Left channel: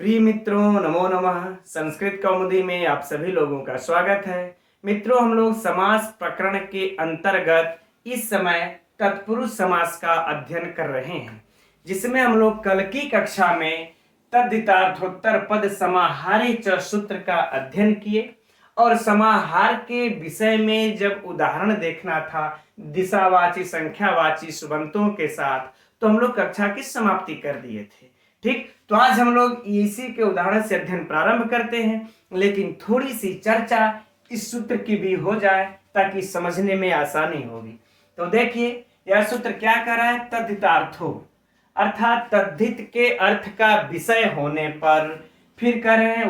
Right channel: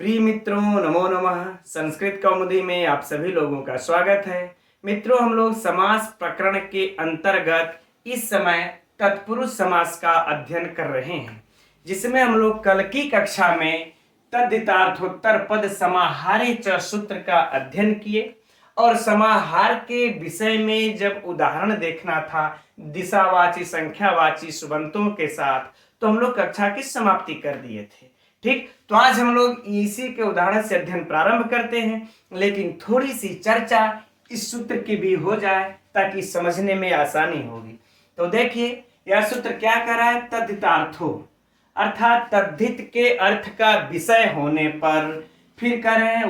प्रिय मित्रों, नमो नमः। संस्कृत कौमुदी में आप सभी लोगों का स्वागत है। मित्रों, हम लोग समास प्रकरण के अंतर्गत इस समय तत्पुरुष समास का अध्ययन कर रहे हैं, जिसमें हम लोग कल की कक्षा में तद्धितार्थोत्तर पद समाहारे च सूत्र का अध्ययन किए और समाहार के विषय में जब उदाहरण देखना था दिशावाची संख्यावाची सुबंतों के साथ, तो हम लोग कक्षा की समाप्ति कर दिए थे। ठीक, तो आज हम लोग इसी के उदाहरण से अध्ययन प्रारंभ करते हैं, लेकिन थोड़ी सी चर्चा इस सूत्र की भी हो जाए ताकि समझने में आसानी होगी। तो देखिए, यह सूत्र क्या कर रहा है? तद्धितार्थो अर्थात तद्धित के अर्थ का विषय होने पर, फिर कर रहे हैं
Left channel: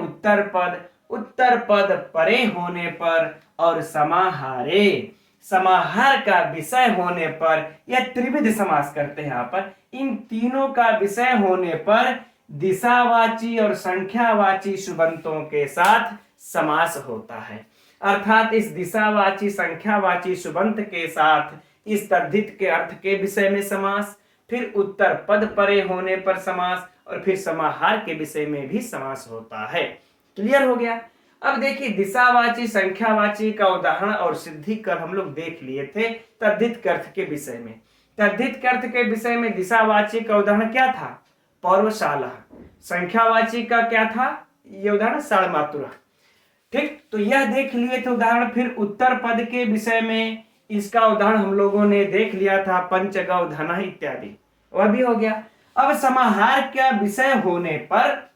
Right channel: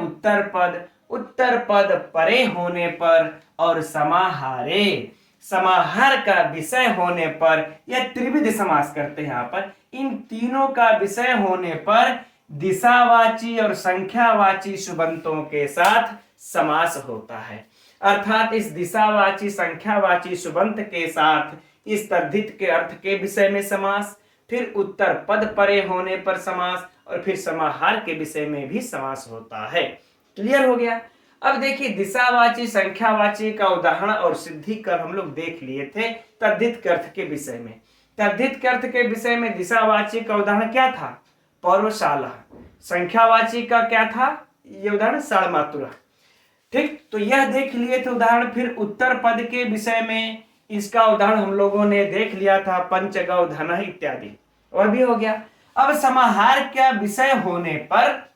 उत्तर पद परे होने पर, और समाहारे समाहार का विषय होने पर, यह त्रिविध समास करते हैं। यहाँ पर इन तीनों का विषय होने पर दिशावाची और संख्यावाची सुबंतों के साथ समास होता है। अर्थात इस दिशावाची संख्यावाची सुबंत के साथ इस तद्धित के अर्थ के विषय में समास, फिर उत्तर पद परे होने पर समास, और फिर समाहार के विषय में भी समास होता है। क्लियर हो गया? अब देखिए, दिशावाची संख्यावाची का उदाहरण और सिद्धि कर हम लोग देख लिए थे तद्धित के अर्थ के विषय में। तद्धित के अर्थ के विषय में दिशावाची का उदाहरण क्या था? पौर्वशाला। संख्यावाची का क्या था? ये उदाहरण षडमातुरा। ठीक, तो यह देख लिए थे उदाहरण। फिर उत्तर पद के विषय में इसका उदाहरण हम लोगों ने देख लिया था, पंचगौ धन इत्यादि, वह भी हो गया। अब समाहार का विषय होने पर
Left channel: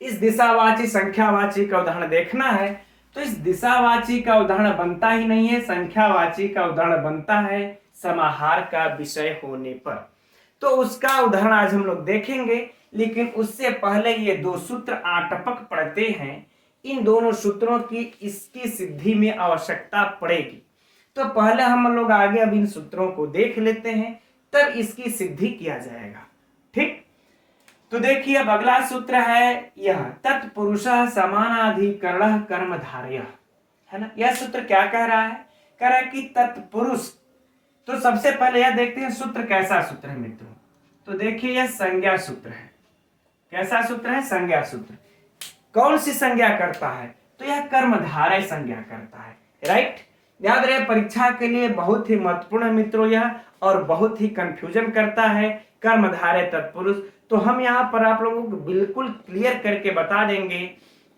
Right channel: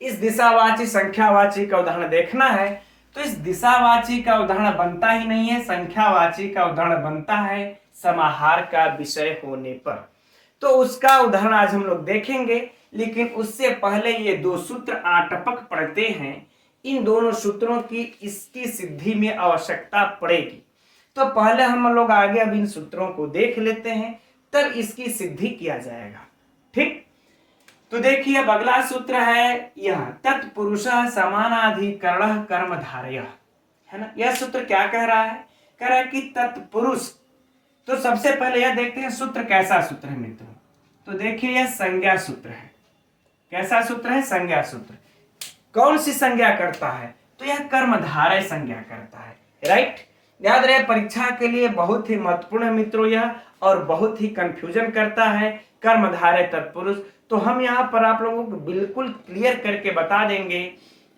इस दिशावाची संख्यावाची का उदाहरण देखना है, तो इस दिशावाची का उदाहरण बनता ही नहीं है, संख्यावाची का उदाहरण बनता है समाहार का विषय होने पर। तो उसका उदाहरण आज हम लोग देखेंगे, लेकिन उससे पहले ये दो सूत्र आटपक पढ़ते हैं। इन दोनों सूत्रों की इसकी सिद्धि में आवश्यकता पड़ेगी, तो पहले हम लोग आगे अब इन सूत्रों को देख लेते हैं, तब इसकी सिद्धि किया जाएगा। ठीक, तो देखिए, अब अगला सूत्र है यह तत्पुरुषः समानाधिकरणः कर्मधारयः, है ना। यह सूत्र क्या कह रहा है? कह रहा है कि तत्पुरुष। तो सबसे पहले यह देखते हैं सूत्र कैसा सूत्र है मित्रों। तो देखिए, यह संज्ञा सूत्र है। कैसा सूत्र है? संज्ञा सूत्र। कौन सी संज्ञा करता है? तो यह कर्मधारय संज्ञा करता है। राइट, याद रहे, परीक्षा के लिए बहुत ही महत्वपूर्ण है मित्रों यह, और बहुत ही कंफ्यूजन करता है कर्मधारय तत्पुरुष। तो हम यहाँ पर आप लोगों को बिल्कुल क्लियर करके बता देंगे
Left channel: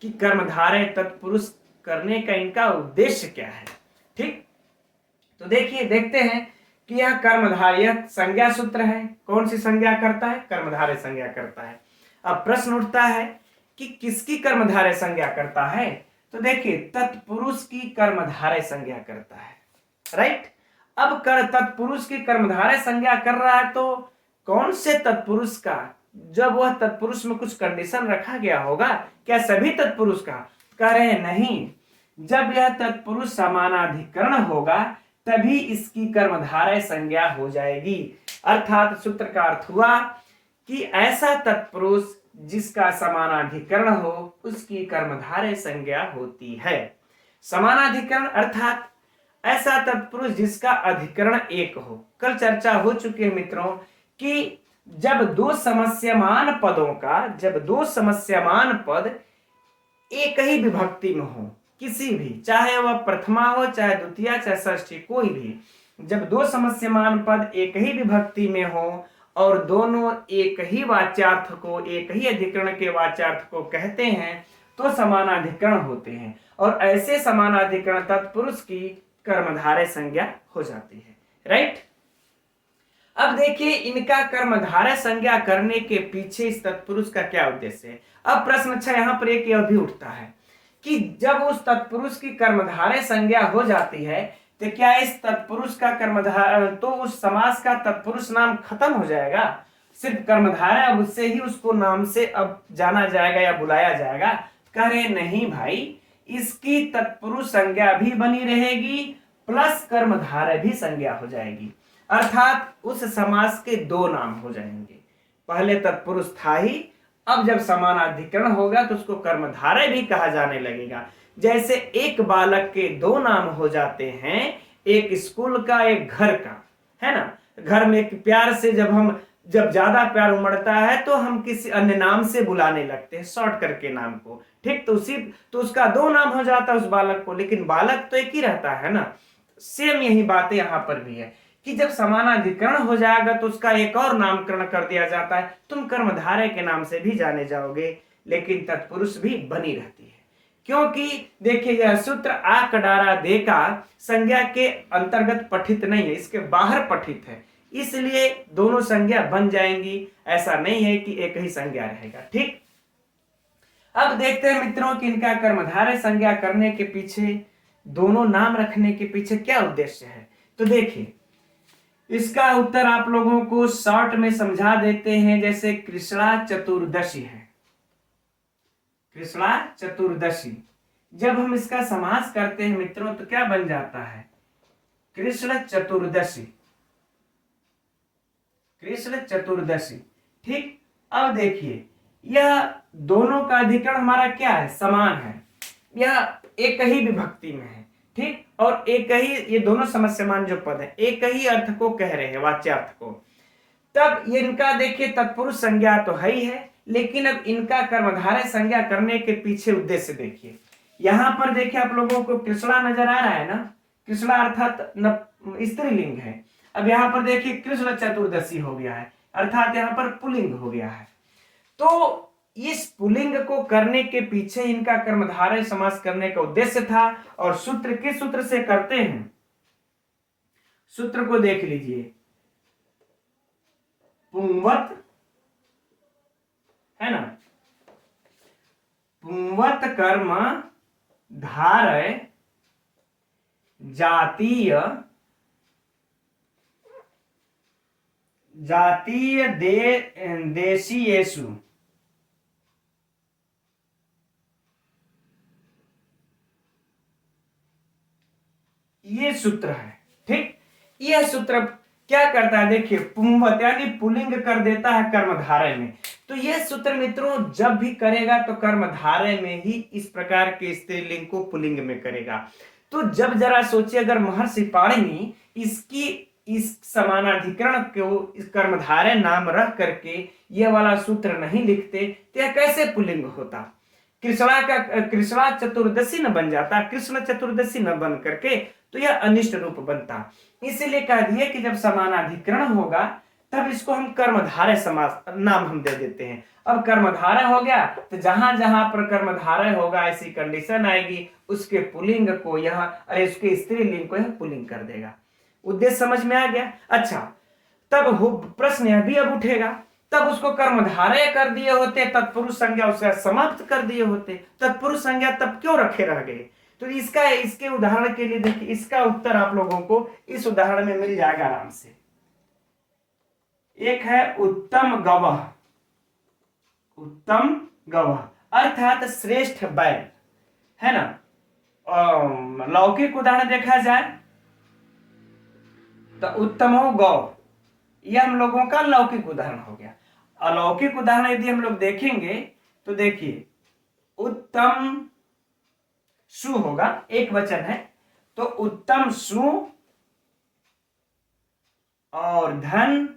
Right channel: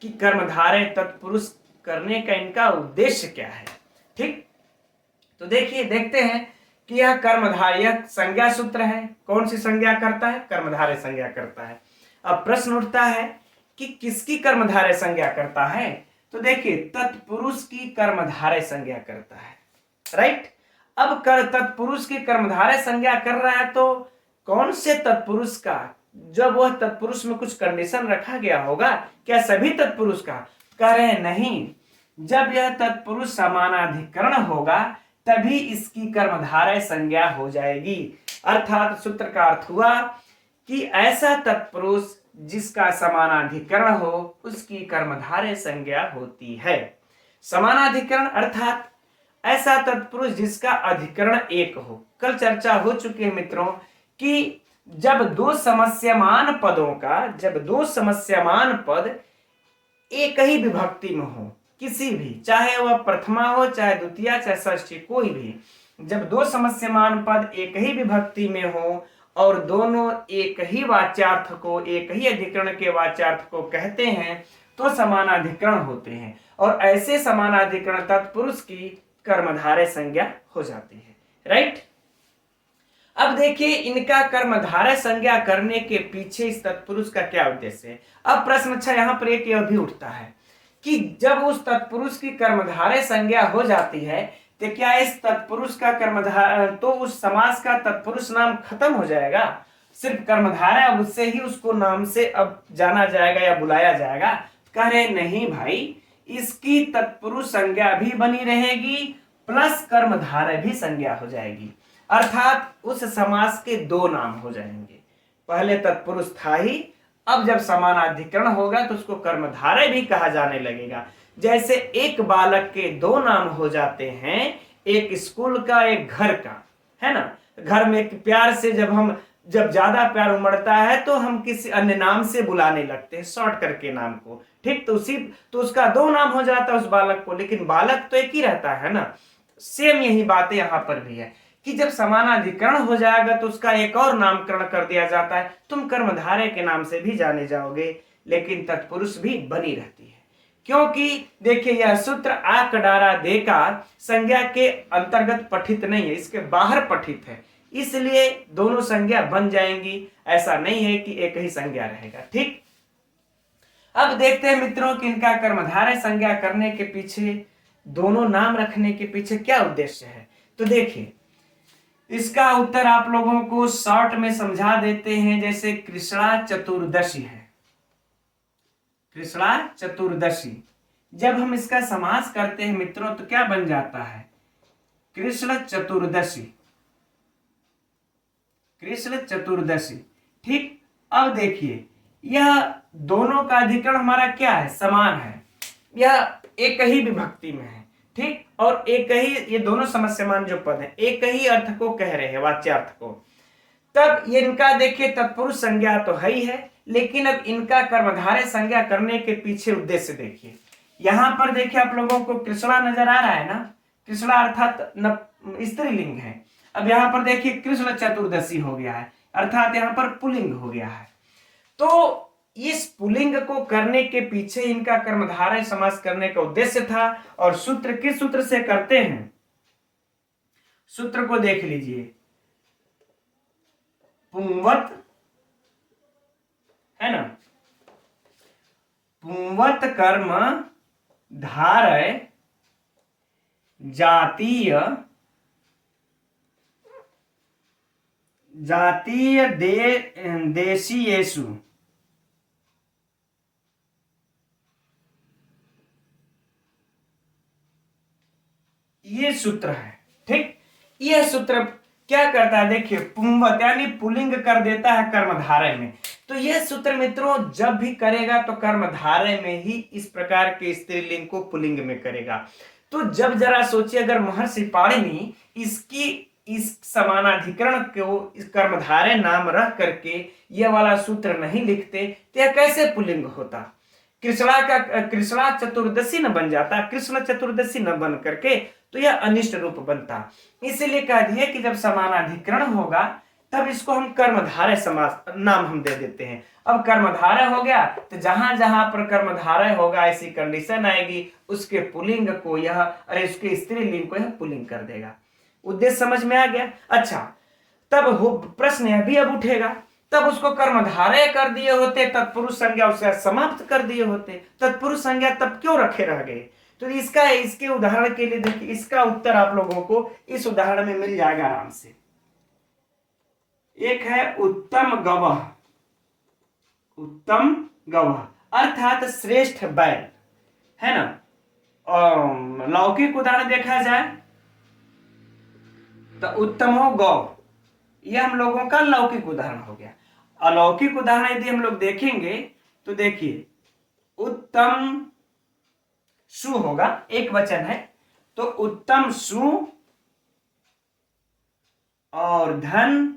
कि कर्मधारय तत्पुरुष करने का इनका उद्देश्य क्या है। ठीक, तो देखिए, देखते हैं कि यह कर्मधारय संज्ञा सूत्र है। कौन सी संज्ञा करता है? कर्मधारय संज्ञा करता है। अब प्रश्न उठता है कि किसकी कर्मधारय संज्ञा करता है? तो देखिए, तत्पुरुष की कर्मधारय संज्ञा करता है। राइट, अब तत्पुरुष की कर्मधारय संज्ञा कर रहा है, तो कौन से तत्पुरुष का? जब वह तत्पुरुष में कुछ कंडीशन रखा गया होगा, क्या सभी तत्पुरुष का? कह रहे हैं नहीं, जब यह तत्पुरुष समानाधिकरण होगा तभी इसकी कर्मधारय संज्ञा हो जाएगी। अर्थात सूत्र का अर्थ हुआ कि ऐसा तत्पुरुष जिसका समानाधिकरण हो उसकी कर्मधारय संज्ञा होती है। समानाधिकरण अर्थात ऐसा तत्पुरुष जिसका अधिकरण एक हो। कल चर्चा हो चुकी है मित्रों कि जब दो समस्यमान पद एक ही विभक्ति में हो, किसी भी, चाहे वह प्रथमा हो, चाहे द्वितीया, चाहे षष्ठी, कोई भी, जब दो समस्यमान पद एक ही विभक्ति में हो और दोनों एक ही वाच्यार्थ को, एक ही अधिकरण के वाच्यार्थ को कहते हैं, तो समानाधिकरण होते हैं, और ऐसे समानाधिकरण तत्पुरुष की कर्मधारय संज्ञा हो जाती है। राइट, अब देखिए, इनका कर्मधारय संज्ञा करने के पीछे इस तत्पुरुष का क्या उद्देश्य है। अब प्रश्न अच्छा यहाँ पर एक यह भी उठता है कि जब उस तत्पुरुष की कर्मधारय संज्ञा हो जाती है, तो क्या इस तत्पुरुष का कर्मधारय, तो उस समास का तत्पुरुष नाम खत्म हो जाएगा? सिर्फ कर्मधारय, अब उससे ही उसको नाम से अब जाना जाएगा या बुलाया जाएगा? कह रहे नहीं भाई, इसकी तत्पुरुष संज्ञा भी बनी रहेगी, प्लस कर्मधारय भी संज्ञा हो जाएगी। अर्थात उस समास के दो नाम हो जाएंगे। पहले तत्पुरुष था ही, अब जब समानाधिकरण होगा तो उसको कर्मधारय भी कहा जाने लगेगा। जैसे एक बालक के दो नाम हो जाते हैं, एक स्कूल का, एक घर का, है ना। घर में एक प्यार से जब हम जब ज्यादा प्यार उमड़ता है तो हम किसी अन्य नाम से बुलाने लगते हैं, शॉर्ट करके नाम को। ठीक, तो उसका दो नाम हो जाता है उस बालक को, लेकिन बालक तो एक ही रहता है ना। सेम यही बात यहाँ पर भी है कि जब समानाधिकरण हो जाएगा तो उसका एक और नामकरण कर दिया जाता है। तुम कर्मधारय के नाम से भी जाने जाओगे, लेकिन तत्पुरुष भी बनी रहती है। क्योंकि देखिए, यह सूत्र आ कडारा दे का संज्ञा के अंतर्गत पठित नहीं है, इसके बाहर पठित है, इसलिए दोनों संज्ञा बन जाएंगी। ऐसा नहीं है कि एक ही संज्ञा रहेगा। ठीक, अब देखते हैं मित्रों कि इनका कर्मधारय संज्ञा करने के पीछे, दोनों नाम रखने के पीछे क्या उद्देश्य है। तो देखिए, इसका उत्तर आप लोगों को शॉर्ट में समझा देते हैं। जैसे कृष्णा चतुर्दशी है, कृष्णा चतुर्दशी, जब हम इसका समास करते हैं मित्रों तो क्या बन जाता है, कृष्ण चतुर्दशी, कृष्ण चतुर्दशी। ठीक, अब देखिए, यह दोनों का अधिकरण हमारा क्या है, समान है, यह एक ही विभक्ति में है। ठीक, और एक ही, ये दोनों समस्यमान जो पद है एक ही अर्थ को कह रहे हैं, वाच्यार्थ को। तब ये इनका देखिए तत्पुरुष संज्ञा तो है ही है, लेकिन अब इनका कर्मधारय संज्ञा करने के पीछे उद्देश्य देखिए। यहां पर देखिए आप लोगों को कृष्णा नजर आ रहा है ना, कृष्णा अर्थात स्त्रीलिंग है। अब यहाँ पर देखिए कृष्ण चतुर्दशी हो गया है, अर्थात यहाँ पर पुल्लिंग हो गया है। तो इस पुल्लिंग को करने के पीछे इनका कर्मधारय समास करने का उद्देश्य था। और सूत्र किस सूत्र से करते हैं, सूत्र को देख लीजिए, पुंवत है ना, पुंवत कर्म धारय जातीय देशीयेषु, ये सूत्र है। ठीक, यह सूत्र क्या करता है, देखिए पुंवत यानी पुल्लिंग कर देता है कर्मधारय में। तो यह सूत्र मित्रों जब भी करेगा तो कर्मधारय में ही इस प्रकार के स्त्रीलिंग को पुल्लिंग में करेगा। तो जब जरा सोचिए, अगर महर्षि पाणिनि इसकी इस समानाधिकरण को इस कर्मधारय नाम रख करके यह वाला सूत्र नहीं लिखते तो यह कैसे पुल्लिंग होता, कृष्णा चतुर्दशी न बन जाता, कृष्ण चतुर्दशी न बन करके तो यह अनिष्ट रूप बनता। इसीलिए कह दिए कि जब समानाधिकरण होगा तब इसको हम कर्मधारय समास नाम हम दे देते हैं। अब कर्मधारय हो गया तो जहां जहां पर कर्मधारय होगा ऐसी कंडीशन आएगी, उसके पुल्लिंग को यह, अरे उसके स्त्रीलिंग को यह पुल्लिंग कर देगा। उद्देश्य समझ में आ गया। अच्छा, तब प्रश्न यह भी अब उठेगा, तब उसको कर्मधारय कर दिए होते, तत्पुरुष संज्ञा उसे समाप्त कर दिए होते, तत्पुरुष संज्ञा तब क्यों रखे रह गए। तो इसके उदाहरण के लिए देखिए, इसका उत्तर आप लोगों को इस उदाहरण में मिल जाएगा आराम से। एक है उत्तम गवह, उत्तम गवह अर्थात श्रेष्ठ बैल है ना। लौकिक उदाहरण देखा जाए तो उत्तमो गौ, यह हम लोगों का लौकिक उदाहरण हो गया। अलौकिक उदाहरण यदि हम लोग देखेंगे तो देखिए, उत्तम सु होगा, एक वचन है, तो उत्तम सु और धन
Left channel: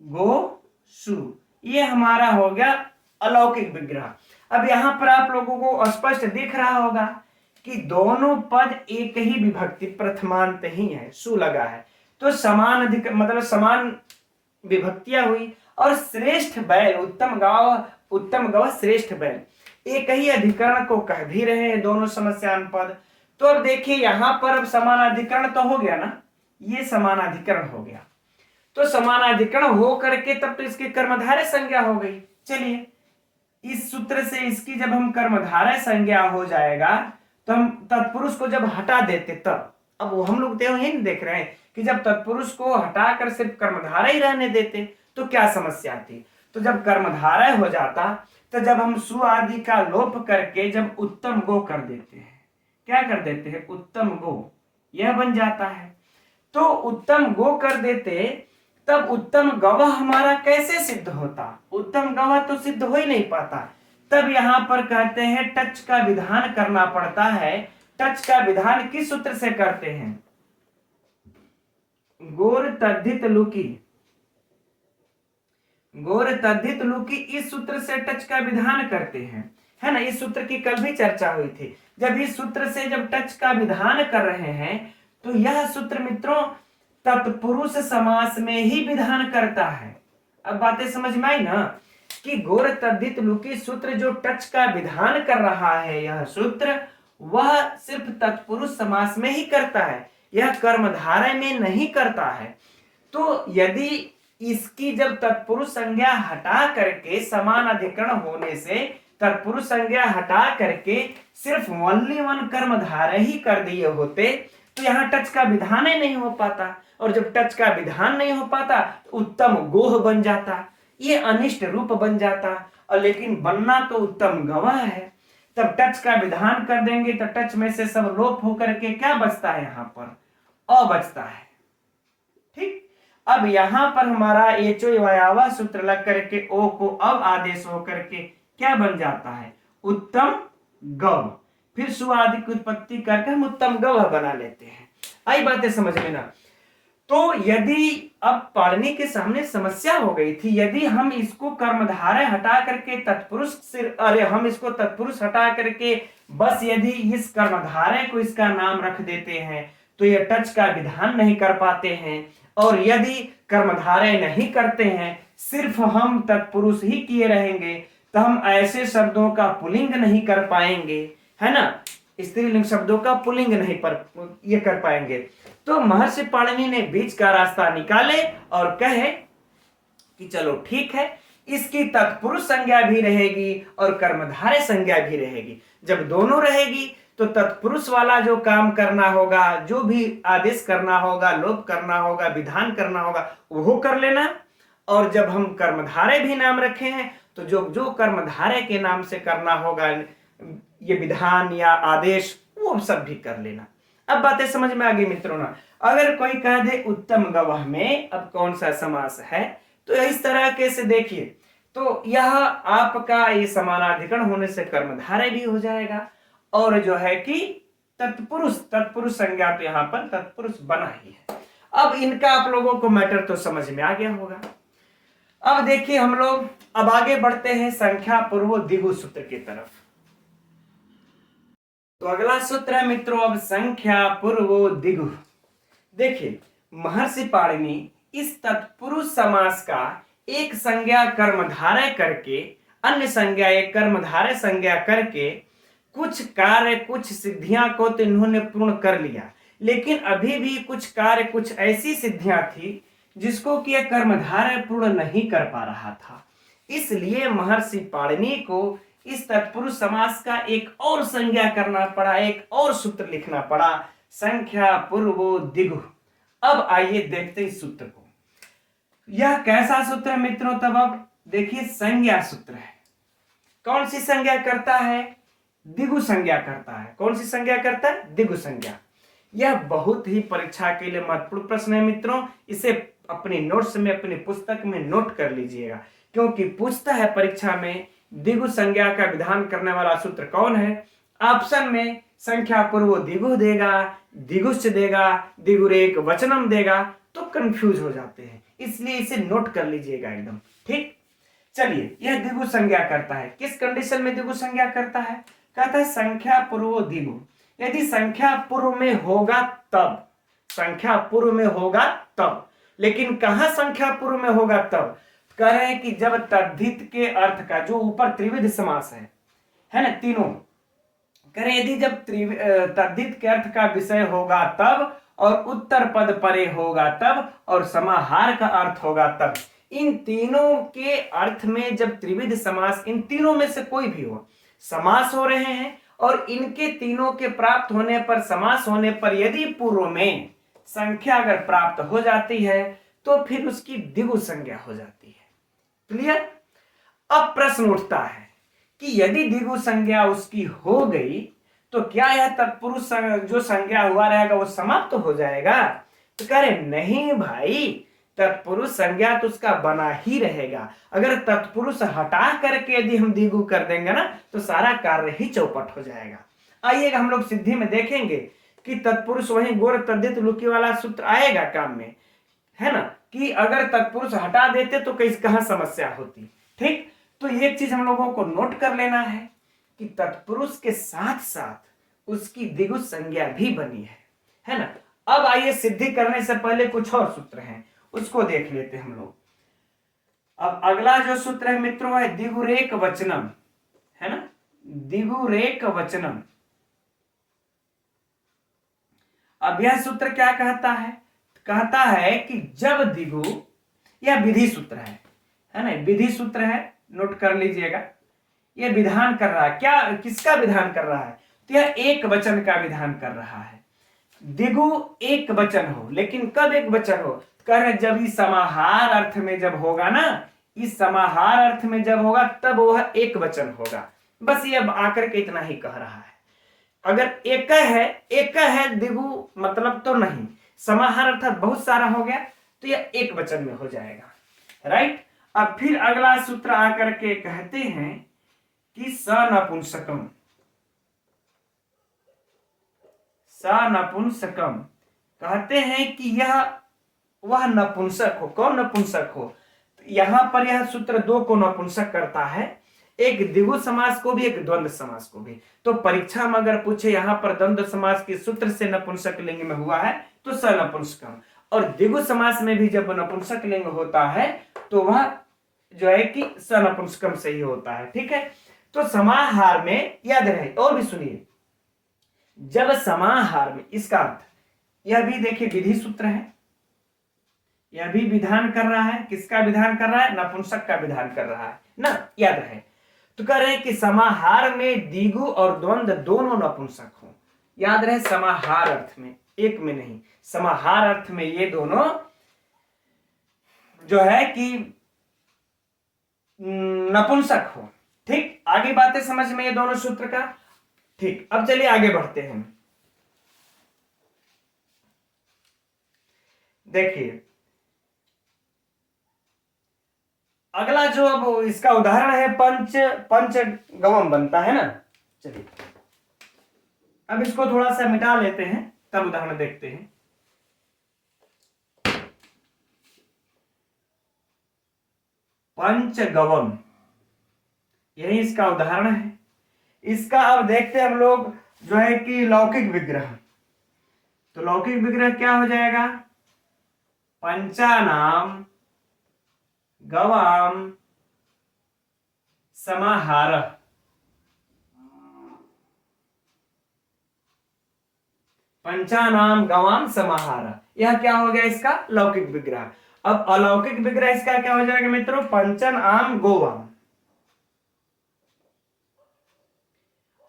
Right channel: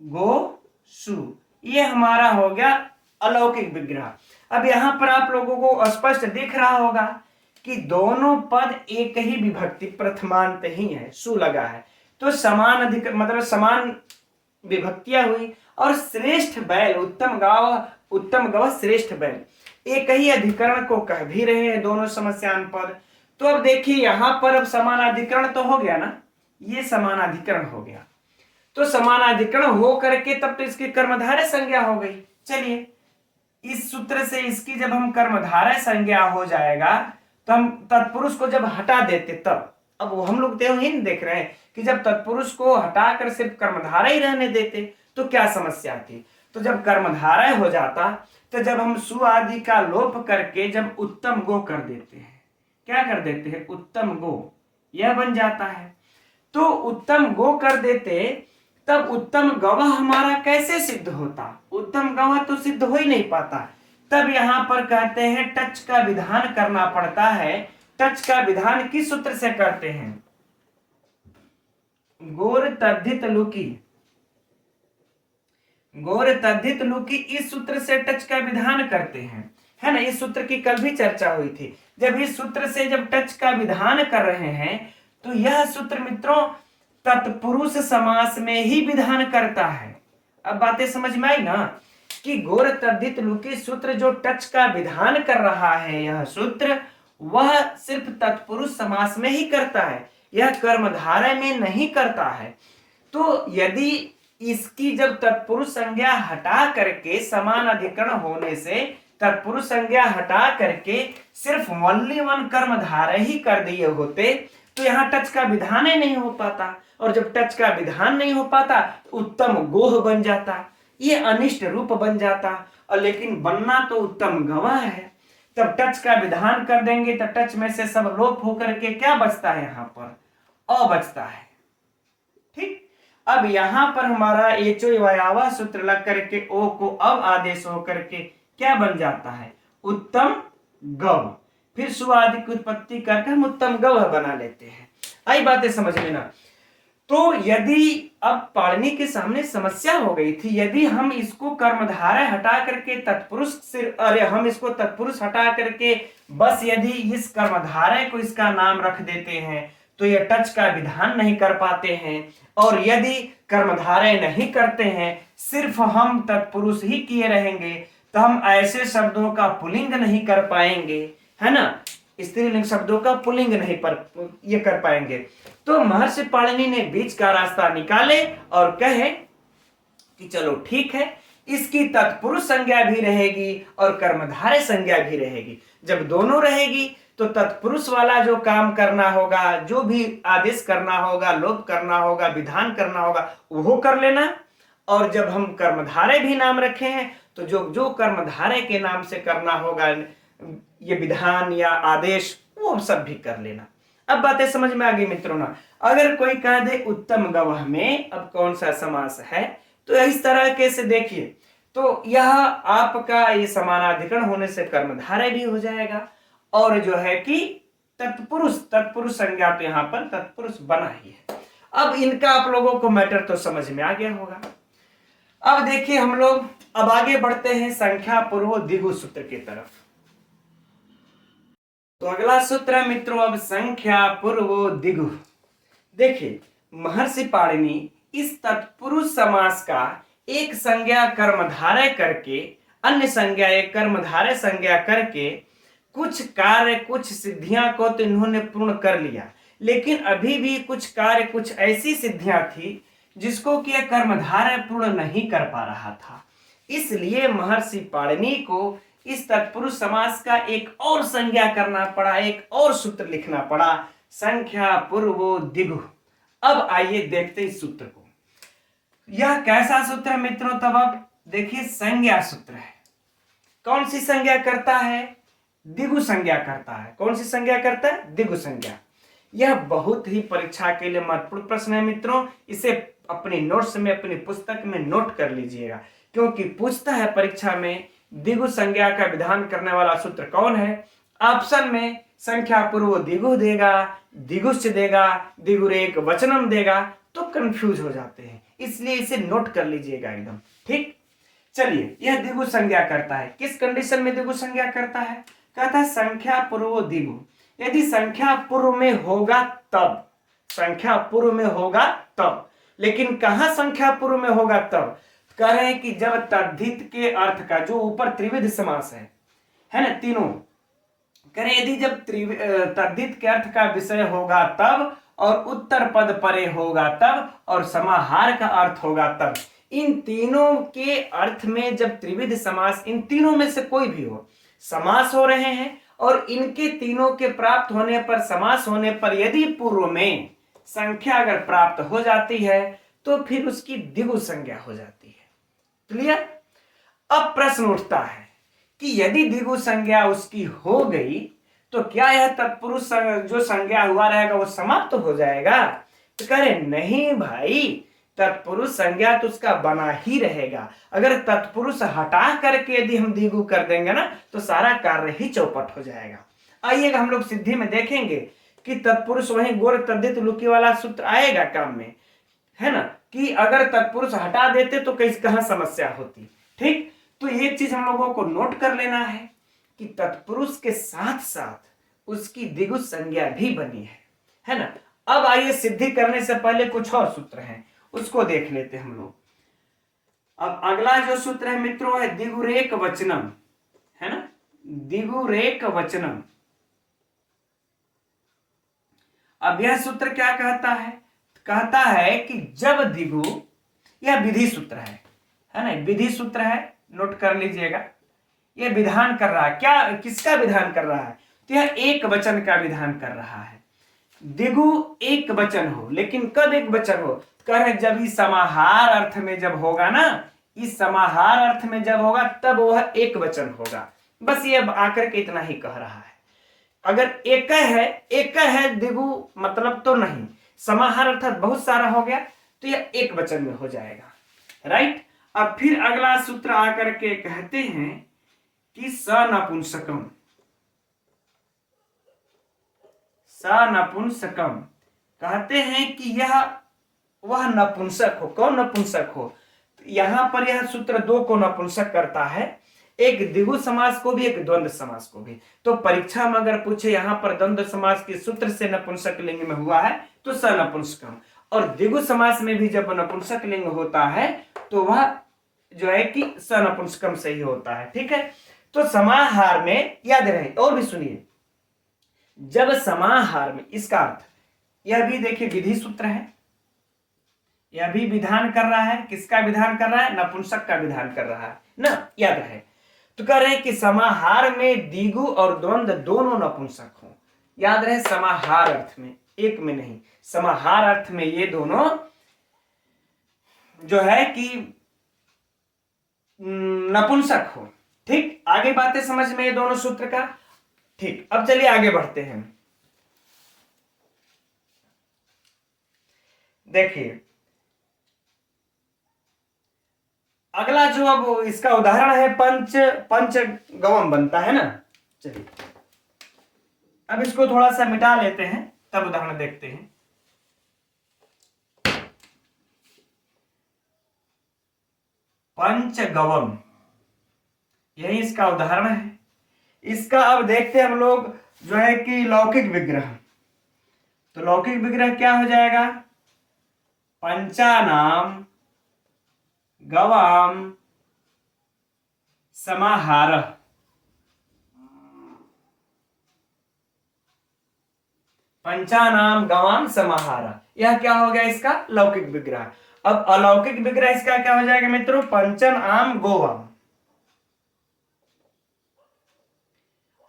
गो सु, ये हमारा हो गया अलौकिक विग्रह। अब यहां पर आप लोगों को स्पष्ट दिख रहा होगा कि दोनों पद एक ही विभक्ति प्रथमांत ही है, सु लगा है, तो समान अधिक मतलब समान विभक्तियां हुई। और श्रेष्ठ बैल, उत्तम गौ श्रेष्ठ बैल, एक ही अधिकरण को कह भी रहे हैं दोनों समस्यान पद। तो अब देखिए यहां पर अब समानाधिकरण तो हो गया ना, ये समानाधिकरण हो गया, तो समानाधिकरण हो करके तब तो इसकी कर्मधारय संज्ञा हो गई। चलिए, इस सूत्र से इसकी जब हम कर्मधारय संज्ञा हो जाएगा तो हम तत्पुरुष को जब हटा देते तब, अब हम लोग तो ही नहीं देख रहे हैं कि जब तत्पुरुष को हटाकर सिर्फ कर्मधारय ही रहने देते तो क्या समस्या थी। तो जब कर्मधारय हो जाता तो जब हम सु आदि का लोप करके जब उत्तम गो कर देते हैं, क्या कर देते हैं, उत्तम गो, यह बन जाता है। तो उत्तम गो कर देते तब उत्तम गवह हमारा कैसे सिद्ध होता, उत्तम गवह तो सिद्ध हो ही नहीं पाता। तब यहां पर कहते हैं टच का विधान करना पड़ता है। टच का विधान किस सूत्र से करते हैं, गोर तद्धित लुकी, गोर तद्धित लुकी इस सूत्र से टच का विधान करते हैं, है ना। इस सूत्र की कल भी चर्चा हुई थी। जब इस सूत्र से जब टच का विधान कर रहे हैं तो यह सूत्र मित्रों तत्पुरुष समास में ही विधान करता है। अब बातें समझ में आई ना कि गोर तद्धित लुकी सूत्र जो टच का विधान कर रहा है, यह सूत्र वह सिर्फ तत्पुरुष समास में ही करता है, यह कर्मधारय में नहीं करता है। तो यदि इसकी जब तत्पुरुष संज्ञा हटा करके समान अधिकरण होने से तत्पुरुष संज्ञा हटा करके सिर्फ ओनली वन कर्मधारय ही कर दिए होते तो यहाँ टच का विधान ही नहीं हो पाता, और जब टच का विधान नहीं हो पाता तो उत्तम गोह बन जाता, ये अनिष्ट रूप बन जाता, और लेकिन बनना तो उत्तम गवाह है। तब टच का विधान कर देंगे तो टच में से सब लोप होकर के क्या बचता है, यहाँ पर अ बचता है। ठीक, अब यहां पर हमारा एचो वयावा सूत्र लग करके ओ को अब आदेश हो करके क्या बन जाता है, उत्तम गव। फिर सुआदि की उत्पत्ति करके हम उत्तम गव बना लेते हैं। आई बातें समझ लेना। तो यदि अब पाणिनि के सामने समस्या हो गई थी, यदि हम इसको कर्मधारय हटा करके तत्पुरुष से, अरे हम इसको तत्पुरुष हटा करके बस यदि इस कर्मधारय को इसका नाम रख देते हैं तो यह टच का विधान नहीं कर पाते हैं, और यदि कर्मधारय नहीं करते हैं सिर्फ हम तत्पुरुष ही किए रहेंगे तो हम ऐसे शब्दों का पुल्लिंग नहीं कर पाएंगे, है ना, स्त्रीलिंग शब्दों का पुल्लिंग नहीं पर ये कर पाएंगे। तो महर्षि पाणिनि ने बीच का रास्ता निकाले और कहे कि चलो ठीक है, इसकी तत्पुरुष संज्ञा भी रहेगी और कर्मधारय संज्ञा भी रहेगी। जब दोनों रहेगी तो तत्पुरुष वाला जो काम करना होगा, जो भी आदेश करना होगा, लोप करना होगा, विधान करना होगा, वो कर लेना, और जब हम कर्मधारय भी नाम रखे हैं तो जो जो कर्मधारय के नाम से करना होगा ये विधान या आदेश, वो सब भी कर लेना। अब बातें समझ में आ गई मित्रों ना। अगर कोई कह दे उत्तम गवाह में अब कौन सा समास है, तो इस तरह के से देखिए, तो यह आपका ये समानाधिकरण होने से कर्मधारय भी हो जाएगा, और जो है कि तत्पुरुष संज्ञा तो यहाँ पर तत्पुरुष बना ही है। अब इनका आप लोगों को मैटर तो समझ में आ गया होगा। अब देखिए हम लोग अब आगे बढ़ते हैं संख्या पूर्व दिगु सूत्र की तरफ। तो अगला सूत्र है मित्रों अब संख्या पूर्व दिगु। देखिए महर्षि पाणिनि इस तत्पुरुष समास का एक संज्ञा कर्मधारय करके अन्य संज्ञा एक कर्मधारय संज्ञा करके कुछ कार्य कुछ सिद्धियां को तो इन्होंने पूर्ण कर लिया, लेकिन अभी भी कुछ कार्य कुछ ऐसी सिद्धियां थी जिसको कि कर्मधारय पूर्ण नहीं कर पा रहा था। इसलिए महर्षि पाणिनि को इस तत्पुरुष समास का एक और संज्ञा करना पड़ा, एक और सूत्र लिखना पड़ा, संख्या पूर्व दिगु। अब आइए देखते इस सूत्र को। यह कैसा सूत्र है मित्रों, तब अब देखिए संज्ञा सूत्र है। कौन सी संज्ञा करता है, दिगु संज्ञा करता है। कौन सी संज्ञा करता है, दिगु संज्ञा। यह बहुत ही परीक्षा के लिए महत्वपूर्ण प्रश्न है मित्रों, इसे अपनी नोट्स में अपनी पुस्तक में नोट कर लीजिएगा, क्योंकि पूछता है परीक्षा में दिगु संज्ञा का विधान करने वाला सूत्र कौन है। ऑप्शन में संख्या पूर्व दिगु देगा, दिगुश्च देगा, दिगुरेक वचनम देगा, तो कंफ्यूज हो जाते हैं, इसलिए इसे नोट कर लीजिएगा एकदम। ठीक, चलिए यह दिगु संज्ञा करता है। किस कंडीशन में दिगु संज्ञा करता है, कहता है संख्या पूर्व दिगु। यदि संख्या पूर्व में होगा तब, संख्या पूर्व में होगा तब, लेकिन कहां संख्या पूर्व में होगा तब, कह रहे हैं कि जब तद्धित के अर्थ का, जो ऊपर त्रिविध समास है ना तीनों, कह रहे यदि जब तद्धित के अर्थ का विषय होगा तब, और उत्तर पद परे होगा तब, और समाहार का अर्थ होगा तब। इन तीनों के अर्थ में जब त्रिविध समास, इन तीनों में से कोई भी हो, समास हो रहे हैं, और इनके तीनों के प्राप्त होने पर, समास होने पर यदि पूर्व में संख्या अगर प्राप्त हो जाती है तो फिर उसकी दिगु संज्ञा हो जाती है। क्लियर। अब प्रश्न उठता है कि यदि दिगु संज्ञा उसकी हो गई तो क्या यह तत्पुरुष जो संज्ञा हुआ रहेगा वो समाप्त तो हो जाएगा। तो कह रहे नहीं भाई, तत्पुरुष संज्ञा तो उसका बना ही रहेगा। अगर तत्पुरुष हटा करके यदि हम दिगु कर देंगे ना तो सारा कार्य ही चौपट हो जाएगा। आइएगा हम लोग सिद्धि में देखेंगे कि तत्पुरुष वही गोर तद्धित लुकी वाला सूत्र आएगा काम में, है ना। कि अगर तत्पुरुष हटा देते तो कहाँ समस्या होती। ठीक, तो ये चीज हम लोगों को नोट कर लेना है कि तत्पुरुष के साथ साथ उसकी द्विगु संज्ञा भी बनी है ना। अब आइए सिद्धि करने से पहले कुछ और सूत्र हैं, उसको देख लेते हैं हम लोग। अब अगला जो सूत्र है मित्रों है दिगुरेक वचनम, है ना, दिगुरेक वचनम। अब यह सूत्र क्या कहता है? कहता है कि जब दिगु, यह विधि सूत्र है ना, विधि सूत्र है, नोट कर लीजिएगा। यह विधान कर रहा है, क्या किसका विधान कर रहा है? तो यह एक वचन का विधान कर रहा है। दिगु एक वचन हो, लेकिन कब एक वचन हो? कह रहे जब इस समाहार अर्थ में जब होगा ना, इस समाहार अर्थ में जब होगा तब वह एक वचन होगा। बस ये आकर के इतना ही कह रहा है। अगर एक है दिगु मतलब तो नहीं, समाहार अर्थात बहुत सारा हो गया तो यह एक वचन में हो जाएगा, राइट। अब फिर अगला सूत्र आकर के कहते हैं कि सनपुंसकम, सनपुंसकम कहते हैं कि यह वह नपुंसक हो। कौन नपुंसक हो? यहां पर यह सूत्र दो को नपुंसक करता है, एक द्विगु समास को भी, एक द्वंद्व समास को भी। तो परीक्षा में अगर पूछे यहाँ पर द्वंद्व समास के सूत्र से नपुंसक लिंग में हुआ है तो सनपुंसकम, और द्विगु समास में भी जब नपुंसक लिंग होता है तो वह जो है कि सनपुंसकम से ही होता है। ठीक है, तो समाहार में याद रहे। और भी सुनिए, जब समाहार में, इसका अर्थ यह भी देखिए विधि सूत्र है, यह भी विधान कर रहा है। किसका विधान कर रहा है? नपुंसक का विधान कर रहा है ना, याद रहे। तो कह रहे हैं कि समाहार में द्विगु और द्वंद्व दोनों नपुंसक हो। याद रहे, समाहार अर्थ में, एक में नहीं, समाहार अर्थ में ये दोनों जो है कि नपुंसक हो। ठीक, आगे बातें समझ में ये दोनों सूत्र का। ठीक, अब चलिए आगे बढ़ते हैं। देखिए अगला जो अब इसका उदाहरण है पंच गवम बनता है ना। चलिए अब इसको थोड़ा सा मिटा लेते हैं, तब उदाहरण देखते हैं। पंचगवम, यही इसका उदाहरण है। इसका अब देखते हैं हम लोग जो है कि लौकिक विग्रह। तो लौकिक विग्रह क्या हो जाएगा? पंचानाम गवाम समाहार, पंचानाम गवाम समाहार, यह क्या हो गया इसका लौकिक विग्रह। अब अलौकिक विग्रह इसका क्या हो जाएगा मित्रों? पंचन आम गोवाम।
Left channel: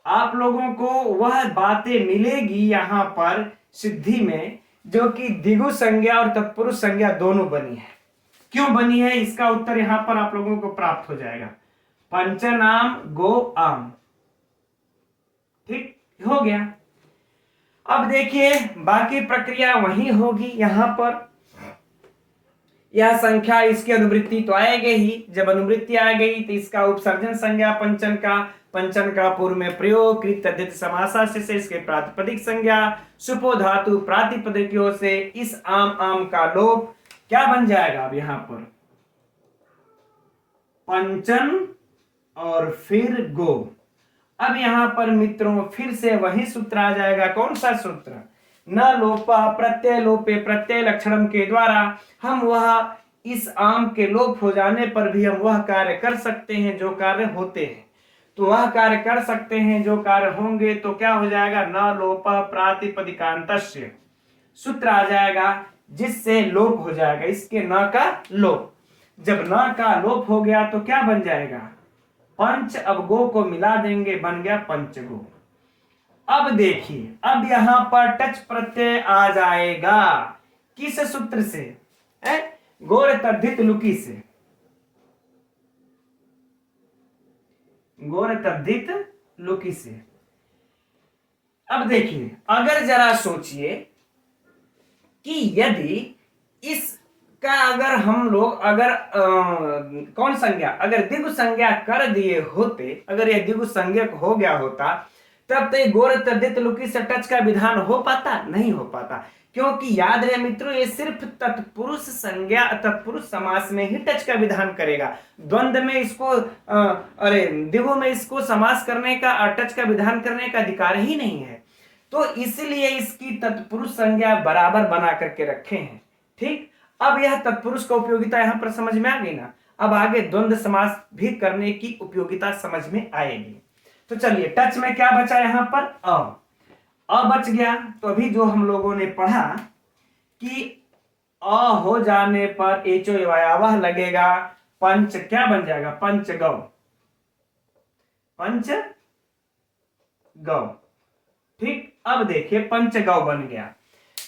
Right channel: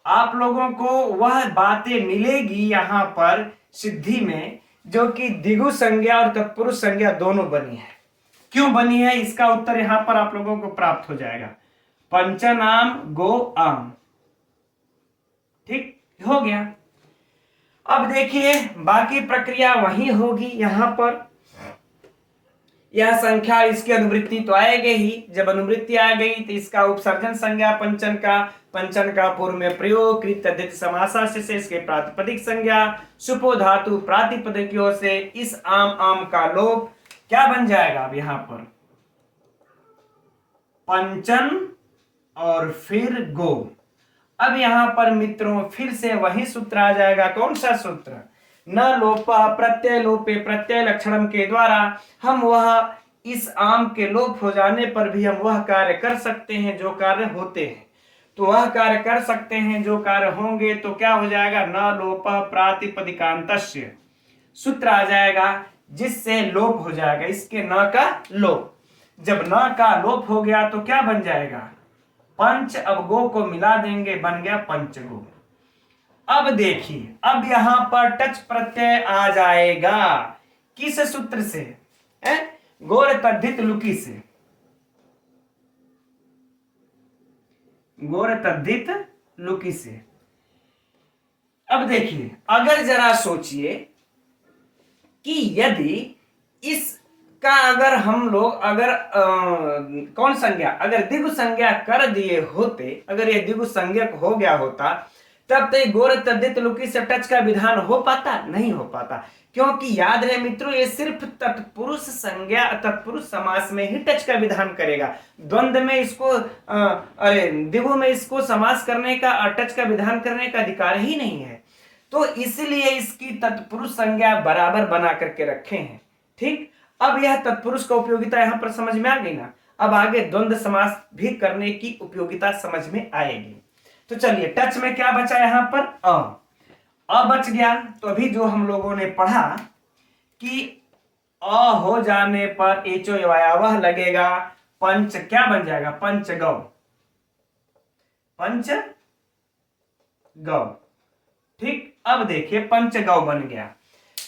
आप लोगों को वह बातें मिलेगी यहां पर सिद्धि में जो कि द्विगु संज्ञा और तत्पुरुष संज्ञा दोनों बनी है। क्यों बनी है इसका उत्तर यहां पर आप लोगों को प्राप्त हो जाएगा। पंचनाम गो आम, ठीक हो गया। अब देखिए बाकी प्रक्रिया वही होगी। यहां पर यह संख्या, इसकी अनुवृत्ति तो आएगी ही। जब अनुवृत्ति आ गई तो इसका उपसर्जन संज्ञा पंचन का पूर्व में प्रयोग, कृत तद्धित समासा से इसके प्रातिपदिक संज्ञा, सुपो धातु प्रातिपदिकों से इस आम का लोप क्या बन जाएगा? अब यहां पर पंचन और फिर गो। अब यहां पर मित्रों फिर से वही सूत्र आ जाएगा। कौन सा सूत्र? न लोपा प्रत्यय लोपे प्रत्यय लक्षणम के द्वारा हम वह इस आम के लोप हो जाने पर भी हम वह कार्य कर सकते हैं जो कार्य होते हैं। तो वह कार्य कर सकते हैं जो कार्य होंगे तो क्या हो जाएगा? न लोप प्रातिपदिकांतस्य सूत्र आ जाएगा जिससे लोप हो जाएगा, इसके न का लोप। जब न का लोप हो गया तो क्या बन जाएगा? पंच। अब गो को मिला देंगे, बन गया पंचगो। अब देखिए अब यहां पर टच प्रत्यय आ जाएगा किस सूत्र से? गोर तद्धित लुकी से, गोर तद्धित लुकी से। अब देखिए अगर जरा सोचिए कि यदि इसका अगर हम लोग कौन संज्ञा, अगर द्विगु संज्ञा कर दिए होते, अगर यह द्विगु संज्ञक हो गया होता तब तो गोर तद्धित लुकी से टच का विधान हो पाता नहीं हो पाता, क्योंकि याद रहे मित्रों ये सिर्फ तत्पुरुष संज्ञा तत्पुरुष समास में ही टच का विधान करेगा। द्वंद्व में इसको अरे द्विगु में इसको समास करने का टच का विधान करने का अधिकार ही नहीं है। तो इसलिए इसकी तत्पुरुष संज्ञा बराबर बना करके रखे हैं। ठीक, अब यह तत्पुरुष का उपयोगिता यहां पर समझ में आ गई ना। अब आगे द्वंद्व समास भी करने की उपयोगिता समझ में आएगी। तो चलिए टच में क्या बचा यहां पर अ बच गया। तो अभी जो हम लोगों ने पढ़ा कि अ हो जाने पर एचो वायावह लगेगा, पंच क्या बन जाएगा, पंचगव, पंचगव। ठीक, अब देखिए पंचगव बन गया।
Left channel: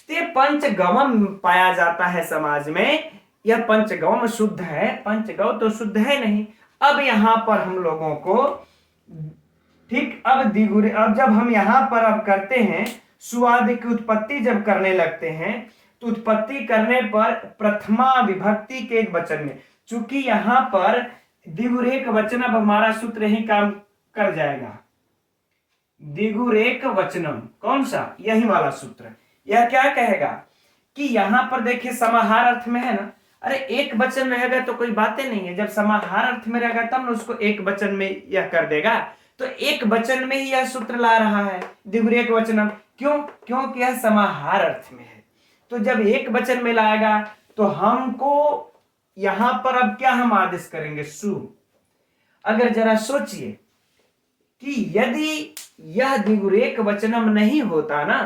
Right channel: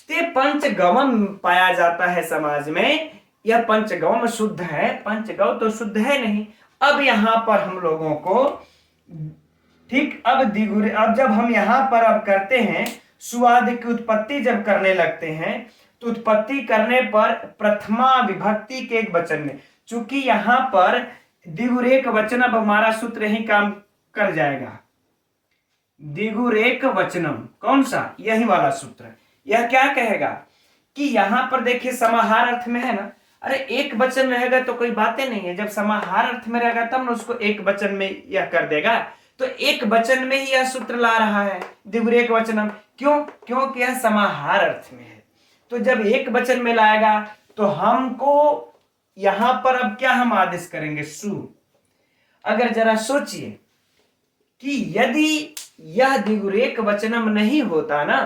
तो पंचगवम पाया जाता है समाज में, यह पंचगवम शुद्ध है, पंचगव तो शुद्ध है नहीं। अब यहां पर हम लोगों को ठीक, अब दिगुरे, अब जब हम यहां पर अब करते हैं सुवाद की उत्पत्ति जब करने लगते हैं, तो उत्पत्ति करने पर प्रथमा विभक्ति के एक वचन में, चूंकि यहां पर दिगुरेक वचन अब हमारा सूत्र ही काम कर जाएगा। दिगुरेक वचनम कौन सा, यही वाला सूत्र। यह क्या कहेगा कि यहां पर देखिए समाहार अर्थ में है ना, अरे एक वचन रहेगा तो कोई बातें नहीं है, जब समाहार अर्थ में रहेगा तब ना उसको एक वचन में यह कर देगा। तो एक वचन में ही यह सूत्र ला रहा है दिगुरेक वचनम, क्यों, क्योंकि यह समाहार अर्थ में है। तो जब एक वचन में लाएगा तो हमको यहां पर अब क्या हम आदेश करेंगे, सु। अगर जरा सोचिए कि यदि यह दिगुरेक वचनम नहीं होता ना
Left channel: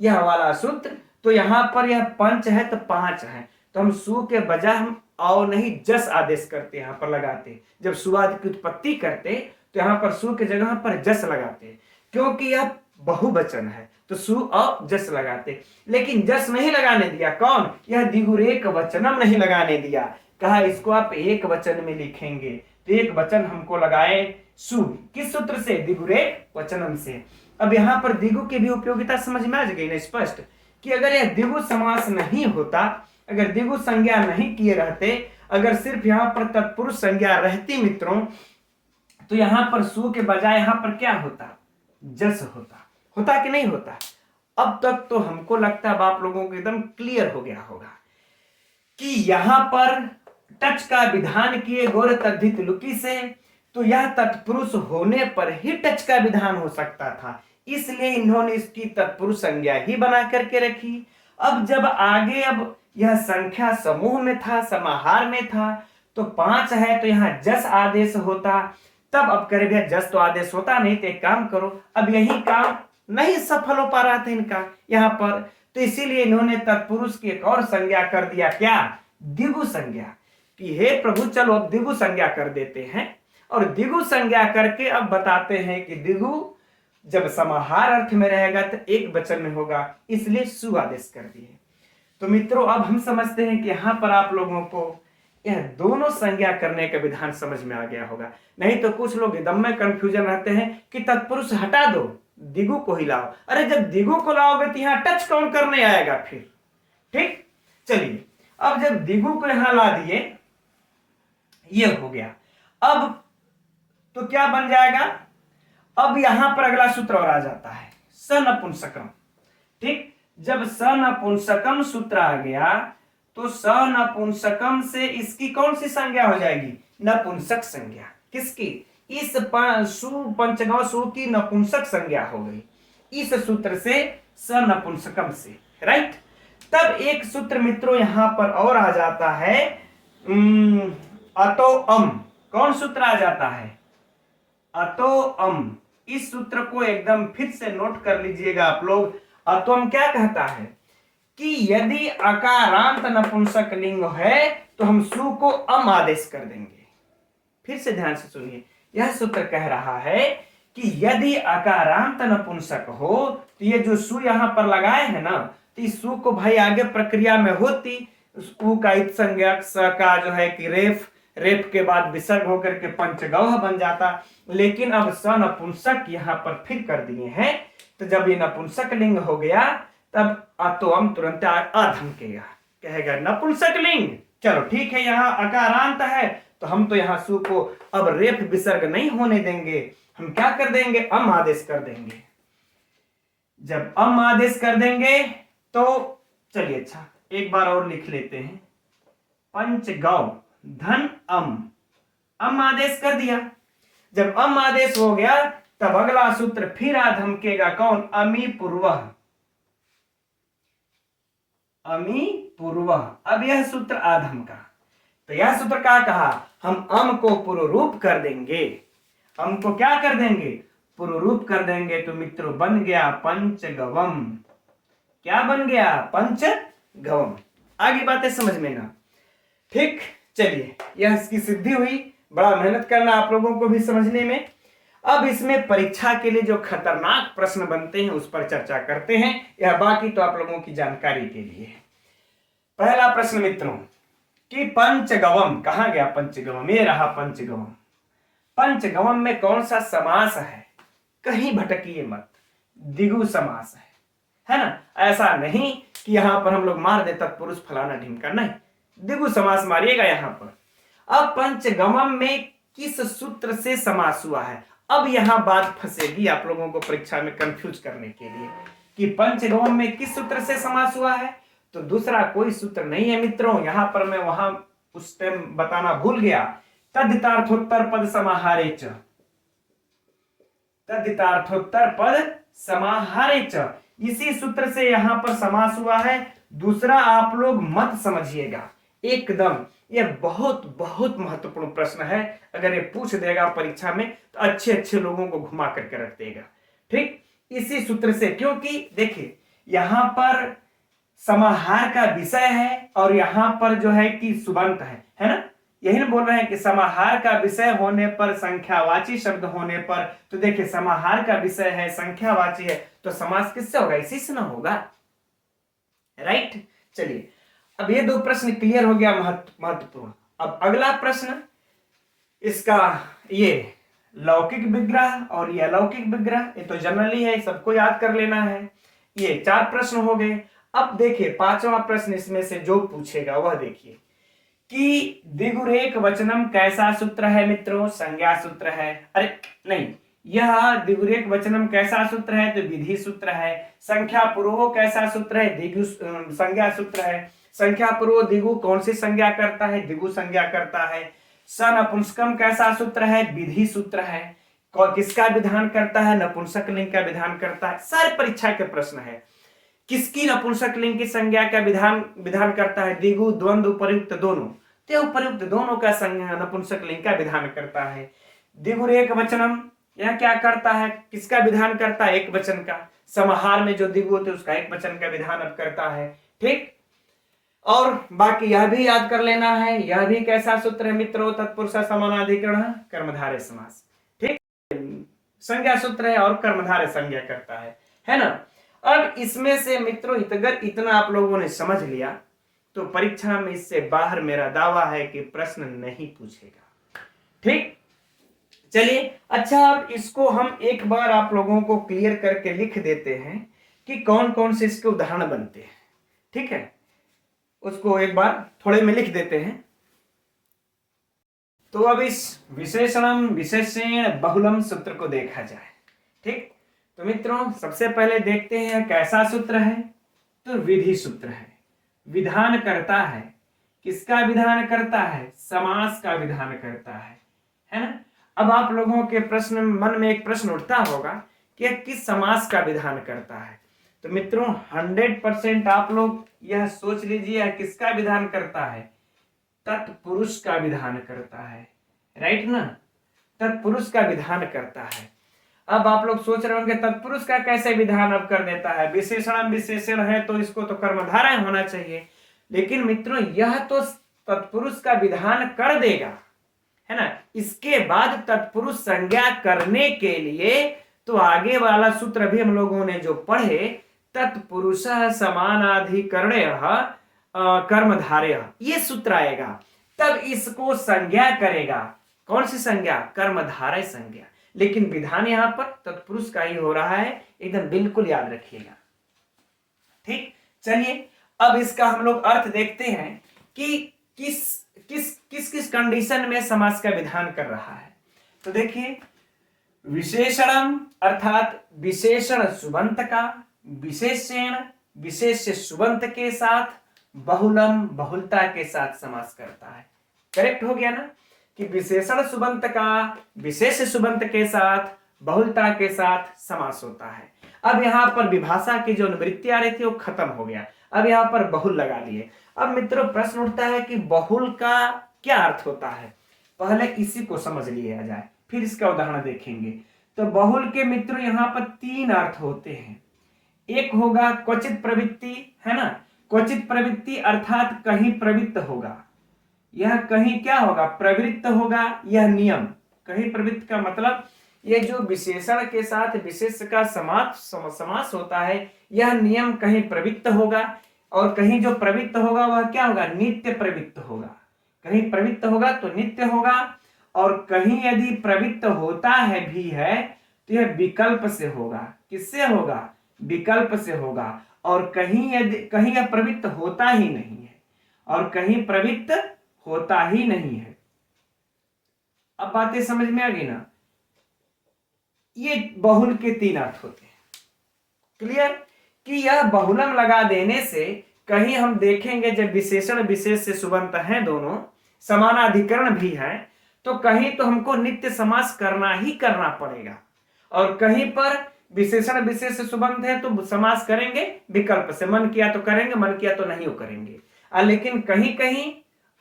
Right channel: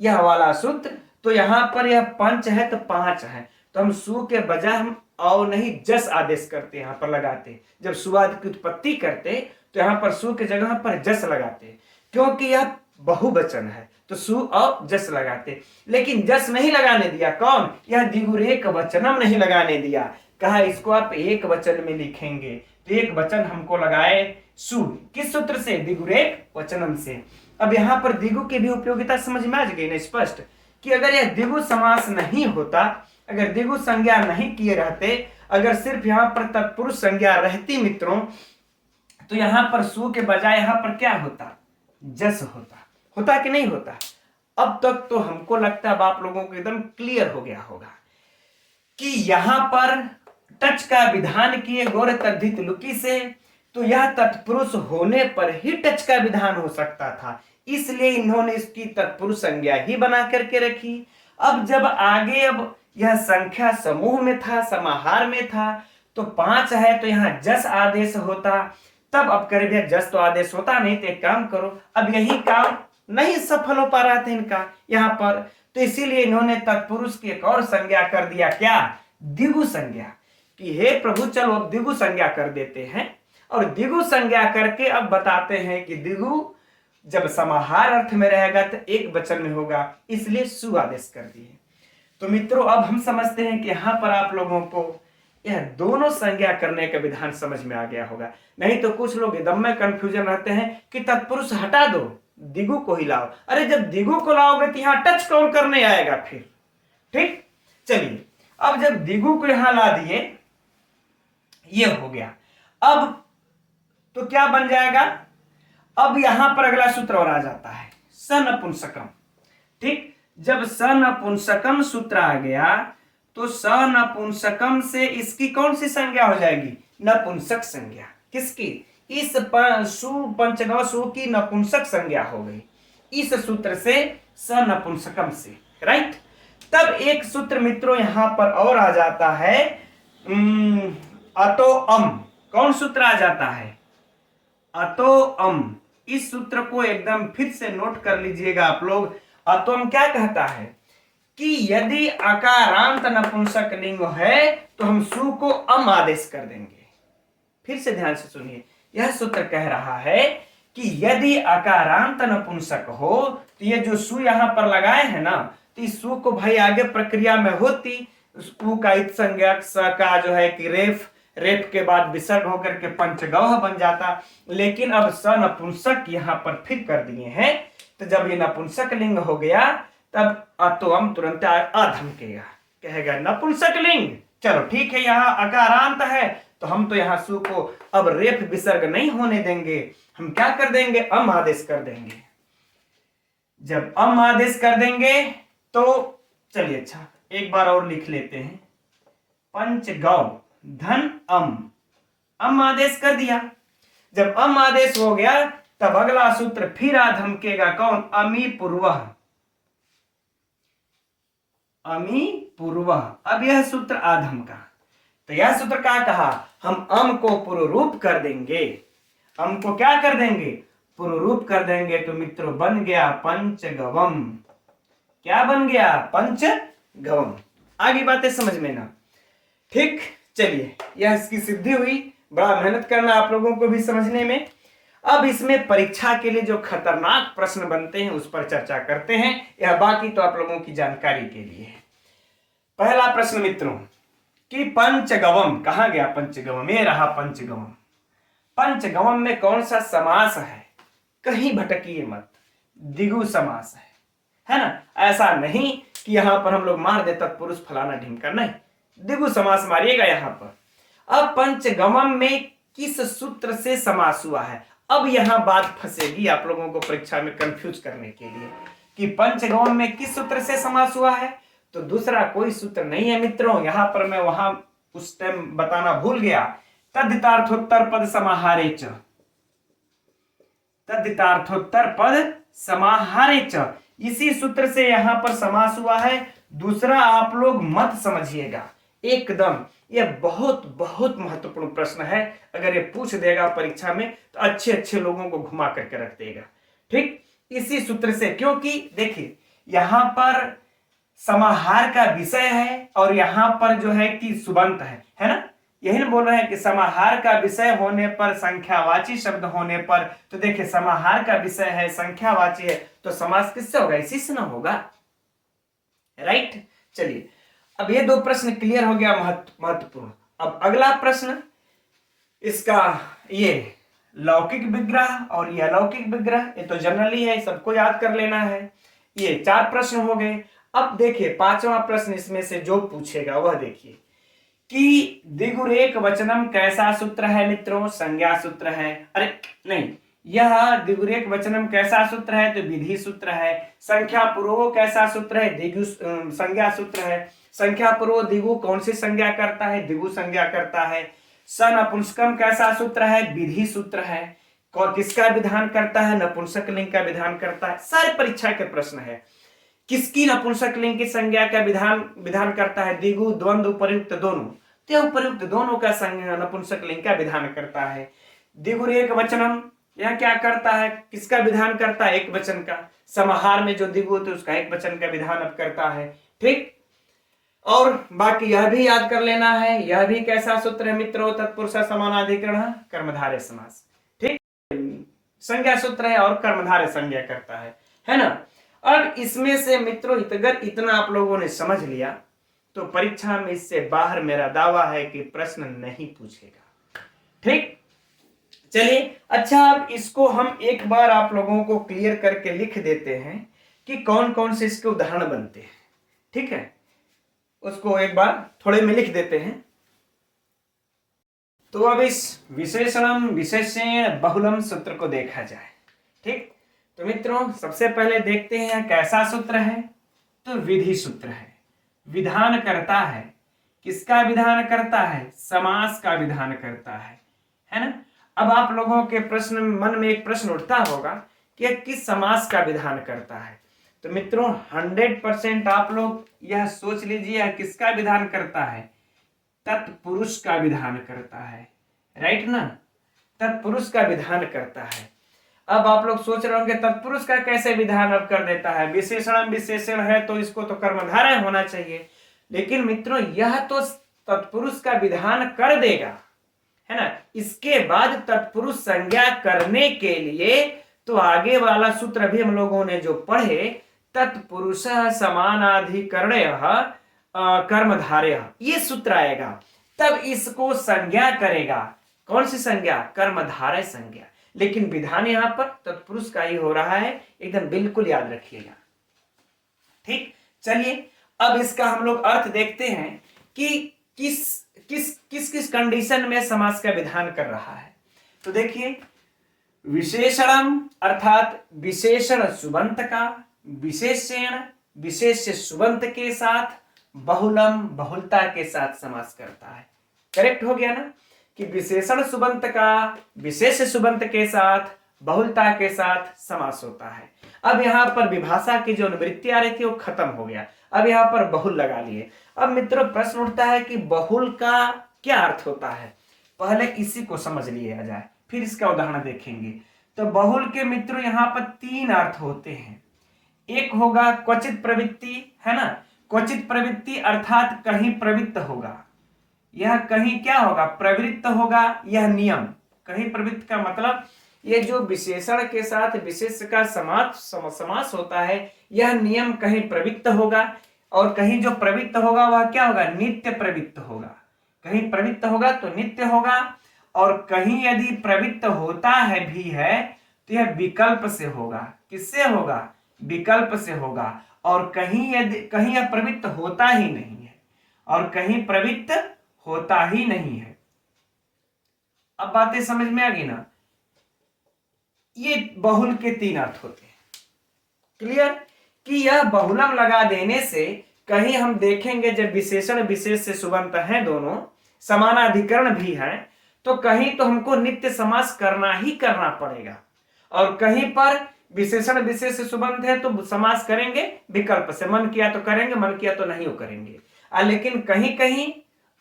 यह वाला सूत्र, तो यहां पर यह पंच है तो पांच है, तो हम सु के बजाय हम औ नहीं जस आदेश करते, यहां पर लगाते। जब सुवाद की उत्पत्ति करते तो यहां पर सु के जगह पर जस लगाते, क्योंकि यह बहुवचन है तो सु और जस लगाते। लेकिन जस नहीं लगाने दिया, कौन, यह दिगुरेक वचनम नहीं लगाने दिया, कहा इसको आप एक वचन में लिखेंगे। तो एक वचन हमको लगाए सु, किस सूत्र से, दिगुरेक वचनम से। अब यहां पर दिगु की भी उपयोगिता समझ में आ गई ना स्पष्ट, कि अगर यह दिगु समास नहीं होता, अगर दिगु संज्ञा नहीं किए रहते, अगर सिर्फ यहां पर तत्पुरुष संज्ञा रहती मित्रों, तो यहां पर सु के बजाय यहां पर क्या होता, जस होता कि नहीं होता। अब तक तो हमको लगता है अब आप लोगों को एकदम क्लियर हो गया होगा कि यहां पर टच का विधान किए गोर तद्धित लुकी से, तो यह तत्पुरुष होने पर ही टच का विधान हो सकता था, इसलिए इन्होंने इसकी तत्पुरुष संज्ञा ही बना करके रखी। अब जब आगे अब यह संख्या समूह में था, समाहार में था, तो पांच है तो यहां जस आदेश होता, तब अब करे भैया जस तो आदेश होता नहीं, तो एक काम करो, अब यही काम नहीं सफल हो पा रहा था इनका यहां पर, तो इसीलिए इन्होंने तत्पुरुष की एक और संज्ञा कर दिया, क्या, दिगु संज्ञा, कि हे प्रभु चलो अब दिगु संज्ञा कर देते हैं। और दिगु संज्ञा करके अब बताते हैं कि दिगु जब समाहार अर्थ में रहेगा तो एक वचन में होगा, इसलिए सु आदेश कर दिए। तो मित्रों अब हम समझते हैं कि यहां पर आप लोगों को यह दोनों संज्ञा करने का विधान समझ में आ गया होगा। नहीं तो कुछ लोग एकदम में कंफ्यूजन रहते हैं कि तत्पुरुष हटा दो, दिगु को ही लाओ। अरे जब दिगु को लाओगे तो यहां टच कौन करने आएगा फिर। ठीक, चलिए अब जब दिगु को यहां ला दिए, ये हो गया। अब तो क्या बन जाएगा, अब यहां पर अगला सूत्र और आ जाता है सनपुंसकम। ठीक, जब सनपुंसकम सूत्र आ गया तो सनपुंसकम से इसकी कौन सी संज्ञा हो जाएगी, नपुंसक संज्ञा। किसकी, इस सु पंचगव सु की नपुंसक संज्ञा हो गई इस सूत्र से, सनपुंसकम से, राइट। तब एक सूत्र मित्रों यहां पर और आ जाता है अतो अम। कौन सूत्र आ जाता है, अतो अम। इस सूत्र को एकदम फिर से नोट कर लीजिएगा आप लोग। अतोम क्या कहता है कि यदि अकारांत नपुंसक लिंग है तो हम सु को अम आदेश कर देंगे। फिर से ध्यान से सुनिए, यह सूत्र कह रहा है कि यदि अकारांत नपुंसक हो तो ये जो सु यहां पर लगाए हैं ना, तो इस सु को भाई आगे प्रक्रिया में होती, उ का इत संज्ञक, स का जो है कि रेफ के बाद विसर्ग होकर के पंचगौह बन जाता। लेकिन अब स नपुंसक यहां पर फिर कर दिए हैं, तो जब ये नपुंसक लिंग हो गया तब अतोम तुरंत अधमकेगा, कहेगा नपुंसक लिंग। चलो ठीक है, यहाँ अकारांत है तो हम तो यहाँ सु को अब रेफ विसर्ग नहीं होने देंगे, हम क्या कर देंगे, अम आदेश कर देंगे। जब अम आदेश कर देंगे तो चलिए, अच्छा एक बार और लिख लेते हैं, पंचगौ धन अम आदेश कर दिया। जब अम आदेश हो गया तब अगला सूत्र फिर आ धमकेगा, कौन? अमी पूर्वः, अमी पूर्वः। अब यह सूत्र आधम का, तो यह सूत्र क्या कहा, हम अम को पुरुरूप कर देंगे, अम को क्या कर देंगे? पुरुरूप कर देंगे। तो मित्रों बन गया पंचगवम। क्या बन गया? पंचगवम। आगे बातें समझ में ना? ठीक, चलिए यह इसकी सिद्धि हुई। बड़ा मेहनत करना आप लोगों को भी समझने में। अब इसमें परीक्षा के लिए जो खतरनाक प्रश्न बनते हैं उस पर चर्चा करते हैं। यह बाकी तो आप लोगों की जानकारी के लिए है। पहला प्रश्न मित्रों कि पंचगवम कहां गया? पंचगवम, ये रहा पंचगवम। पंचगवम में कौन सा समास है? कहीं भटकिए मत, द्विगु समास है ना? ऐसा नहीं कि यहां पर हम लोग मार दे तत्पुरुष फलाना ढिमका, नहीं, द्विगु समास मारिएगा यहां पर। अब पंचगवम में किस सूत्र से समास हुआ है? अब यहां बात फंसेगी आप लोगों को परीक्षा में कंफ्यूज करने के लिए कि पंचगवम में किस सूत्र से समास हुआ है। तो दूसरा कोई सूत्र नहीं है मित्रों। यहां पर मैं वहां उस टाइम बताना भूल गया, तद्धितार्थोत्तर पद समाहारे च, तद्धितार्थोत्तर पद समाहारे च, इसी सूत्र से यहां पर समास हुआ है। दूसरा आप लोग मत समझिएगा एकदम, यह बहुत बहुत महत्वपूर्ण प्रश्न है। अगर ये पूछ देगा परीक्षा में तो अच्छे अच्छे लोगों को घुमा करके रख देगा। ठीक, इसी सूत्र से, क्योंकि देखिए यहां पर समाहार का विषय है और यहां पर जो है कि सुबंत है ना? यही ना बोल रहे हैं कि समाहार का विषय होने पर, संख्यावाची शब्द होने पर, तो देखिए समाहार का विषय है, संख्यावाची है, तो समास किससे होगा? इसी से ना होगा, राइट? चलिए, अब ये दो प्रश्न क्लियर हो गया, महत्वपूर्ण। अब अगला प्रश्न इसका, ये लौकिक विग्रह और ये अलौकिक विग्रह, ये तो जनरली है, सबको याद कर लेना है। ये 4 प्रश्न हो गए। अब देखिए 5वां प्रश्न इसमें से जो पूछेगा वह देखिए कि द्विगुरेक वचनम कैसा सूत्र है मित्रों? संज्ञा सूत्र है। अरे नहीं, यह द्विगुरेक वचनम कैसा सूत्र है? तो विधि सूत्र है। संख्या पूर्वो कैसा सूत्र है? द्विगु संज्ञा सूत्र है। संख्या पूर्व द्विगु कौन सी संज्ञा करता है? द्विगु संज्ञा करता है। सन नपुंसकम कैसा सूत्र है? विधि सूत्र है। किसका विधान करता है? नपुंसक लिंग का विधान करता है। सारे परीक्षा के प्रश्न है। किसकी नपुंसक लिंग की संज्ञा का विधान करता है? द्विगु, द्वंद्व, उपयुक्त दोनों। तो उपयुक्त दोनों का संज्ञा नपुंसक लिंग का विधान करता है। द्विगुरेक वचनम यह क्या करता है? किसका विधान करता है? एक वचन का। समाहार में जो द्विगु होते उसका एक वचन का विधान अब करता है। ठीक, और बाकी यह भी याद कर लेना है, यह भी कैसा सूत्र है मित्रों? तत्पुरुष समानाधिकरण कर्मधारय समास। ठीक, संज्ञा सूत्र है और कर्मधारय संज्ञा करता है ना? अब इसमें से मित्रों अगर इतना आप लोगों ने समझ लिया तो परीक्षा में इससे बाहर मेरा दावा है कि प्रश्न नहीं पूछेगा। ठीक, चलिए, अच्छा अब इसको हम एक बार आप लोगों को क्लियर करके लिख देते हैं कि कौन कौन से इसके उदाहरण बनते हैं। ठीक है, उसको एक बार थोड़े में लिख देते हैं। तो अब इस विशेषणम विशेषण बहुलम सूत्र को देखा जाए। ठीक, तो मित्रों सबसे पहले देखते हैं कैसा सूत्र है? तो विधि सूत्र है। विधान करता है, किसका विधान करता है? समास का विधान करता है ना? अब आप लोगों के प्रश्न मन में एक प्रश्न उठता होगा कि किस समास का विधान करता है? तो मित्रों 100% आप लोग यह सोच लीजिए किसका विधान करता है? तत्पुरुष का विधान करता है, राइट ना? तत्पुरुष का विधान करता है। अब आप लोग सोच रहे होंगे तत्पुरुष का कैसे विधान अब कर देता है? विशेषण विशेषण है तो इसको तो कर्मधारय होना चाहिए, लेकिन मित्रों यह तो तत्पुरुष का विधान कर देगा, है ना? इसके बाद तत्पुरुष संज्ञा करने के लिए तो आगे वाला सूत्र भी हम लोगों ने जो पढ़े, तत्पुरुष समानाधिकरणय कर्मधारय, ये सूत्र आएगा, तब इसको संज्ञा करेगा। कौन सी संज्ञा? कर्मधारय संज्ञा। लेकिन विधान यहां पर तत्पुरुष का ही हो रहा है, एकदम बिल्कुल याद रखिएगा। ठीक, चलिए अब इसका हम लोग अर्थ देखते हैं कि किस किस किस किस कंडीशन में समास का विधान कर रहा है। तो देखिए, विशेषणम अर्थात विशेषण सुबंत का विशेषण विशेष्य सुबंत के साथ, बहुलम बहुलता के साथ समास करता है। करेक्ट हो गया ना कि विशेषण सुबंत का विशेष सुबंत के साथ, बहुलता के साथ समास होता है। अब यहाँ पर विभाषा की जो निवृत्ति आ रही थी वो खत्म हो गया, अब यहाँ पर बहुल लगा लिए। अब मित्रों प्रश्न उठता है कि बहुल का क्या अर्थ होता है, पहले इसी को समझ लिया जाए, फिर इसका उदाहरण देखेंगे। तो बहुल के मित्रों यहाँ पर 3 अर्थ होते हैं। एक होगा क्वचित प्रवृत्ति, है ना, क्वचित प्रवृत्ति अर्थात कहीं प्रवृत्त होगा, यह कहीं क्या होगा, प्रवृत्त होगा, यह नियम। कहीं प्रवृत्त का मतलब ये जो विशेषण के साथ विशेष का समास होता है, यह नियम कहीं प्रवृत्त होगा, और कहीं जो प्रवृत्त होगा वह क्या होगा, नित्य प्रवृत्त होगा। कहीं प्रवृत्त होगा तो नित्य होगा, और कहीं यदि प्रवृत्त होता है भी है तो यह विकल्प से होगा। किससे होगा, विकल्प से होगा। और कहीं यह प्रवृत्त होता ही नहीं है, और कहीं प्रवृत्त होता ही नहीं है। अब बातें समझ में आ गई ना। ये बहुल के 3 अर्थ होते हैं। क्लियर कि यह बहुलम लगा देने से कहीं हम देखेंगे जब विशेषण विशेष से सुबंत हैं, दोनों समानाधिकरण भी है, तो कहीं तो हमको नित्य समास करना ही करना पड़ेगा, और कहीं पर विशेषण विशेष से सुबंत है तो समास करेंगे विकल्प से, मन किया तो करेंगे, मन किया तो नहीं करेंगे। लेकिन कहीं कहीं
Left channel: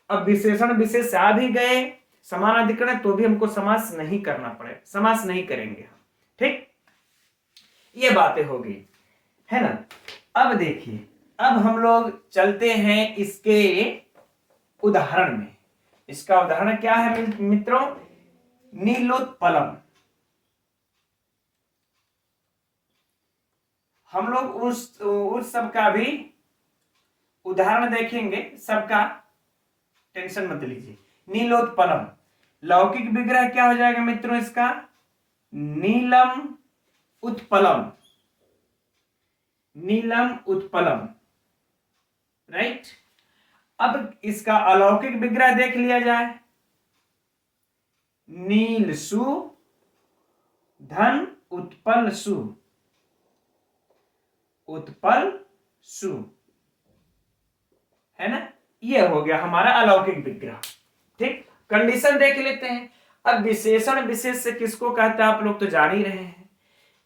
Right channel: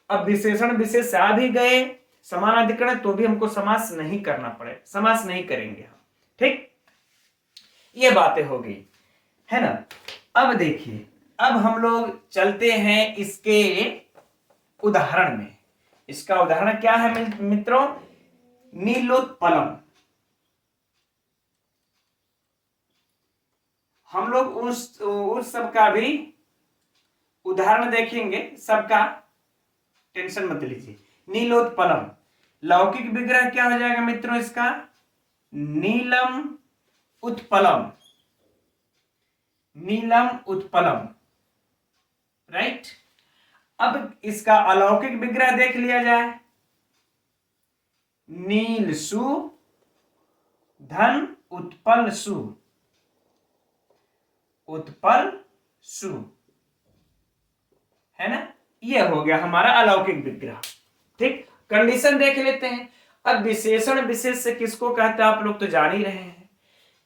अब विशेषण विशेष आ भी गए समानाधिकरण तो भी हमको समास नहीं करना पड़े, समास नहीं करेंगे हम। ठीक, ये बातें हो गई, है ना। अब देखिए, अब हम लोग चलते हैं इसके उदाहरण में। इसका उदाहरण क्या है मित्रों, नीलोत्पलम। हम लोग उस सब का भी उदाहरण देखेंगे, सबका टेंशन मत लीजिए। नीलोत्पलम, लौकिक विग्रह क्या हो जाएगा मित्रों इसका, नीलम उत्पलम, नीलम उत्पलम, राइट। अब इसका अलौकिक विग्रह देख लिया जाए, नील सु धन उत्पल सु, उत्पल सु, है ना। ये हो गया हमारा अलौकिक विग्रह। ठीक, कंडीशन देख लेते हैं। अब विशेषण विशेष से किसको कहते हैं आप लोग तो जान ही रहे हैं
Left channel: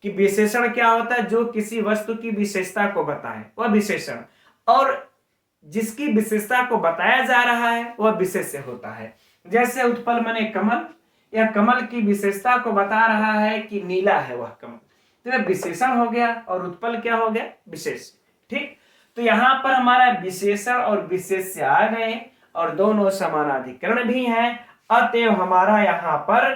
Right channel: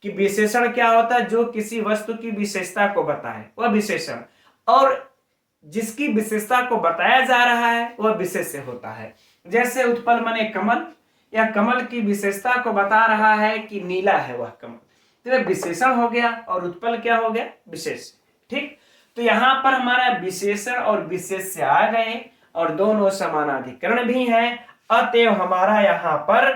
कि विशेषण क्या होता है, जो किसी वस्तु की विशेषता को बताए वह विशेषण, और जिसकी विशेषता को बताया जा रहा है वह विशेष्य होता है। जैसे उत्पल माने कमल, या कमल की विशेषता को बता रहा है कि नीला है वह कमल, तो यह विशेषण हो गया, और उत्पल क्या हो गया, विशेष। ठीक, तो यहां पर हमारा विशेषण और विशेष्य आ गए, और दोनों समानाधिकरण भी हैं, अतएव हमारा यहां पर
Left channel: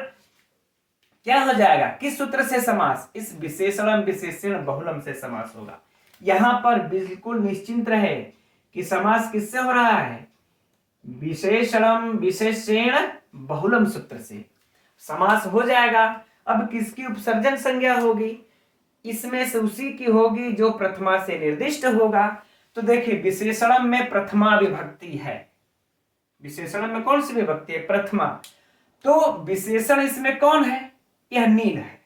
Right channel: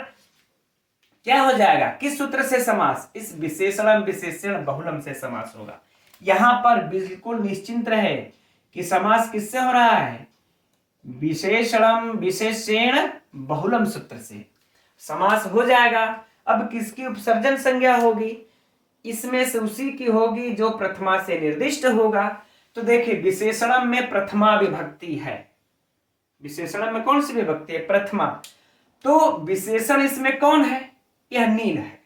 क्या हो जाएगा, किस सूत्र से समास, इस विशेषण विशेषण बहुलम से समास होगा। यहां पर बिल्कुल निश्चिंत रहे कि समास किससे हो रहा है, विशेषणम विशेषण बहुलम सूत्र से समास हो जाएगा। अब किसकी उपसर्जन संज्ञा होगी, इसमें से उसी की होगी जो प्रथमा से निर्दिष्ट होगा। तो देखिए विशेषणम में प्रथमा विभक्ति है, विशेषण में कौन सी विभक्ति है, प्रथमा। तो विशेषण इसमें कौन है, यह नील है,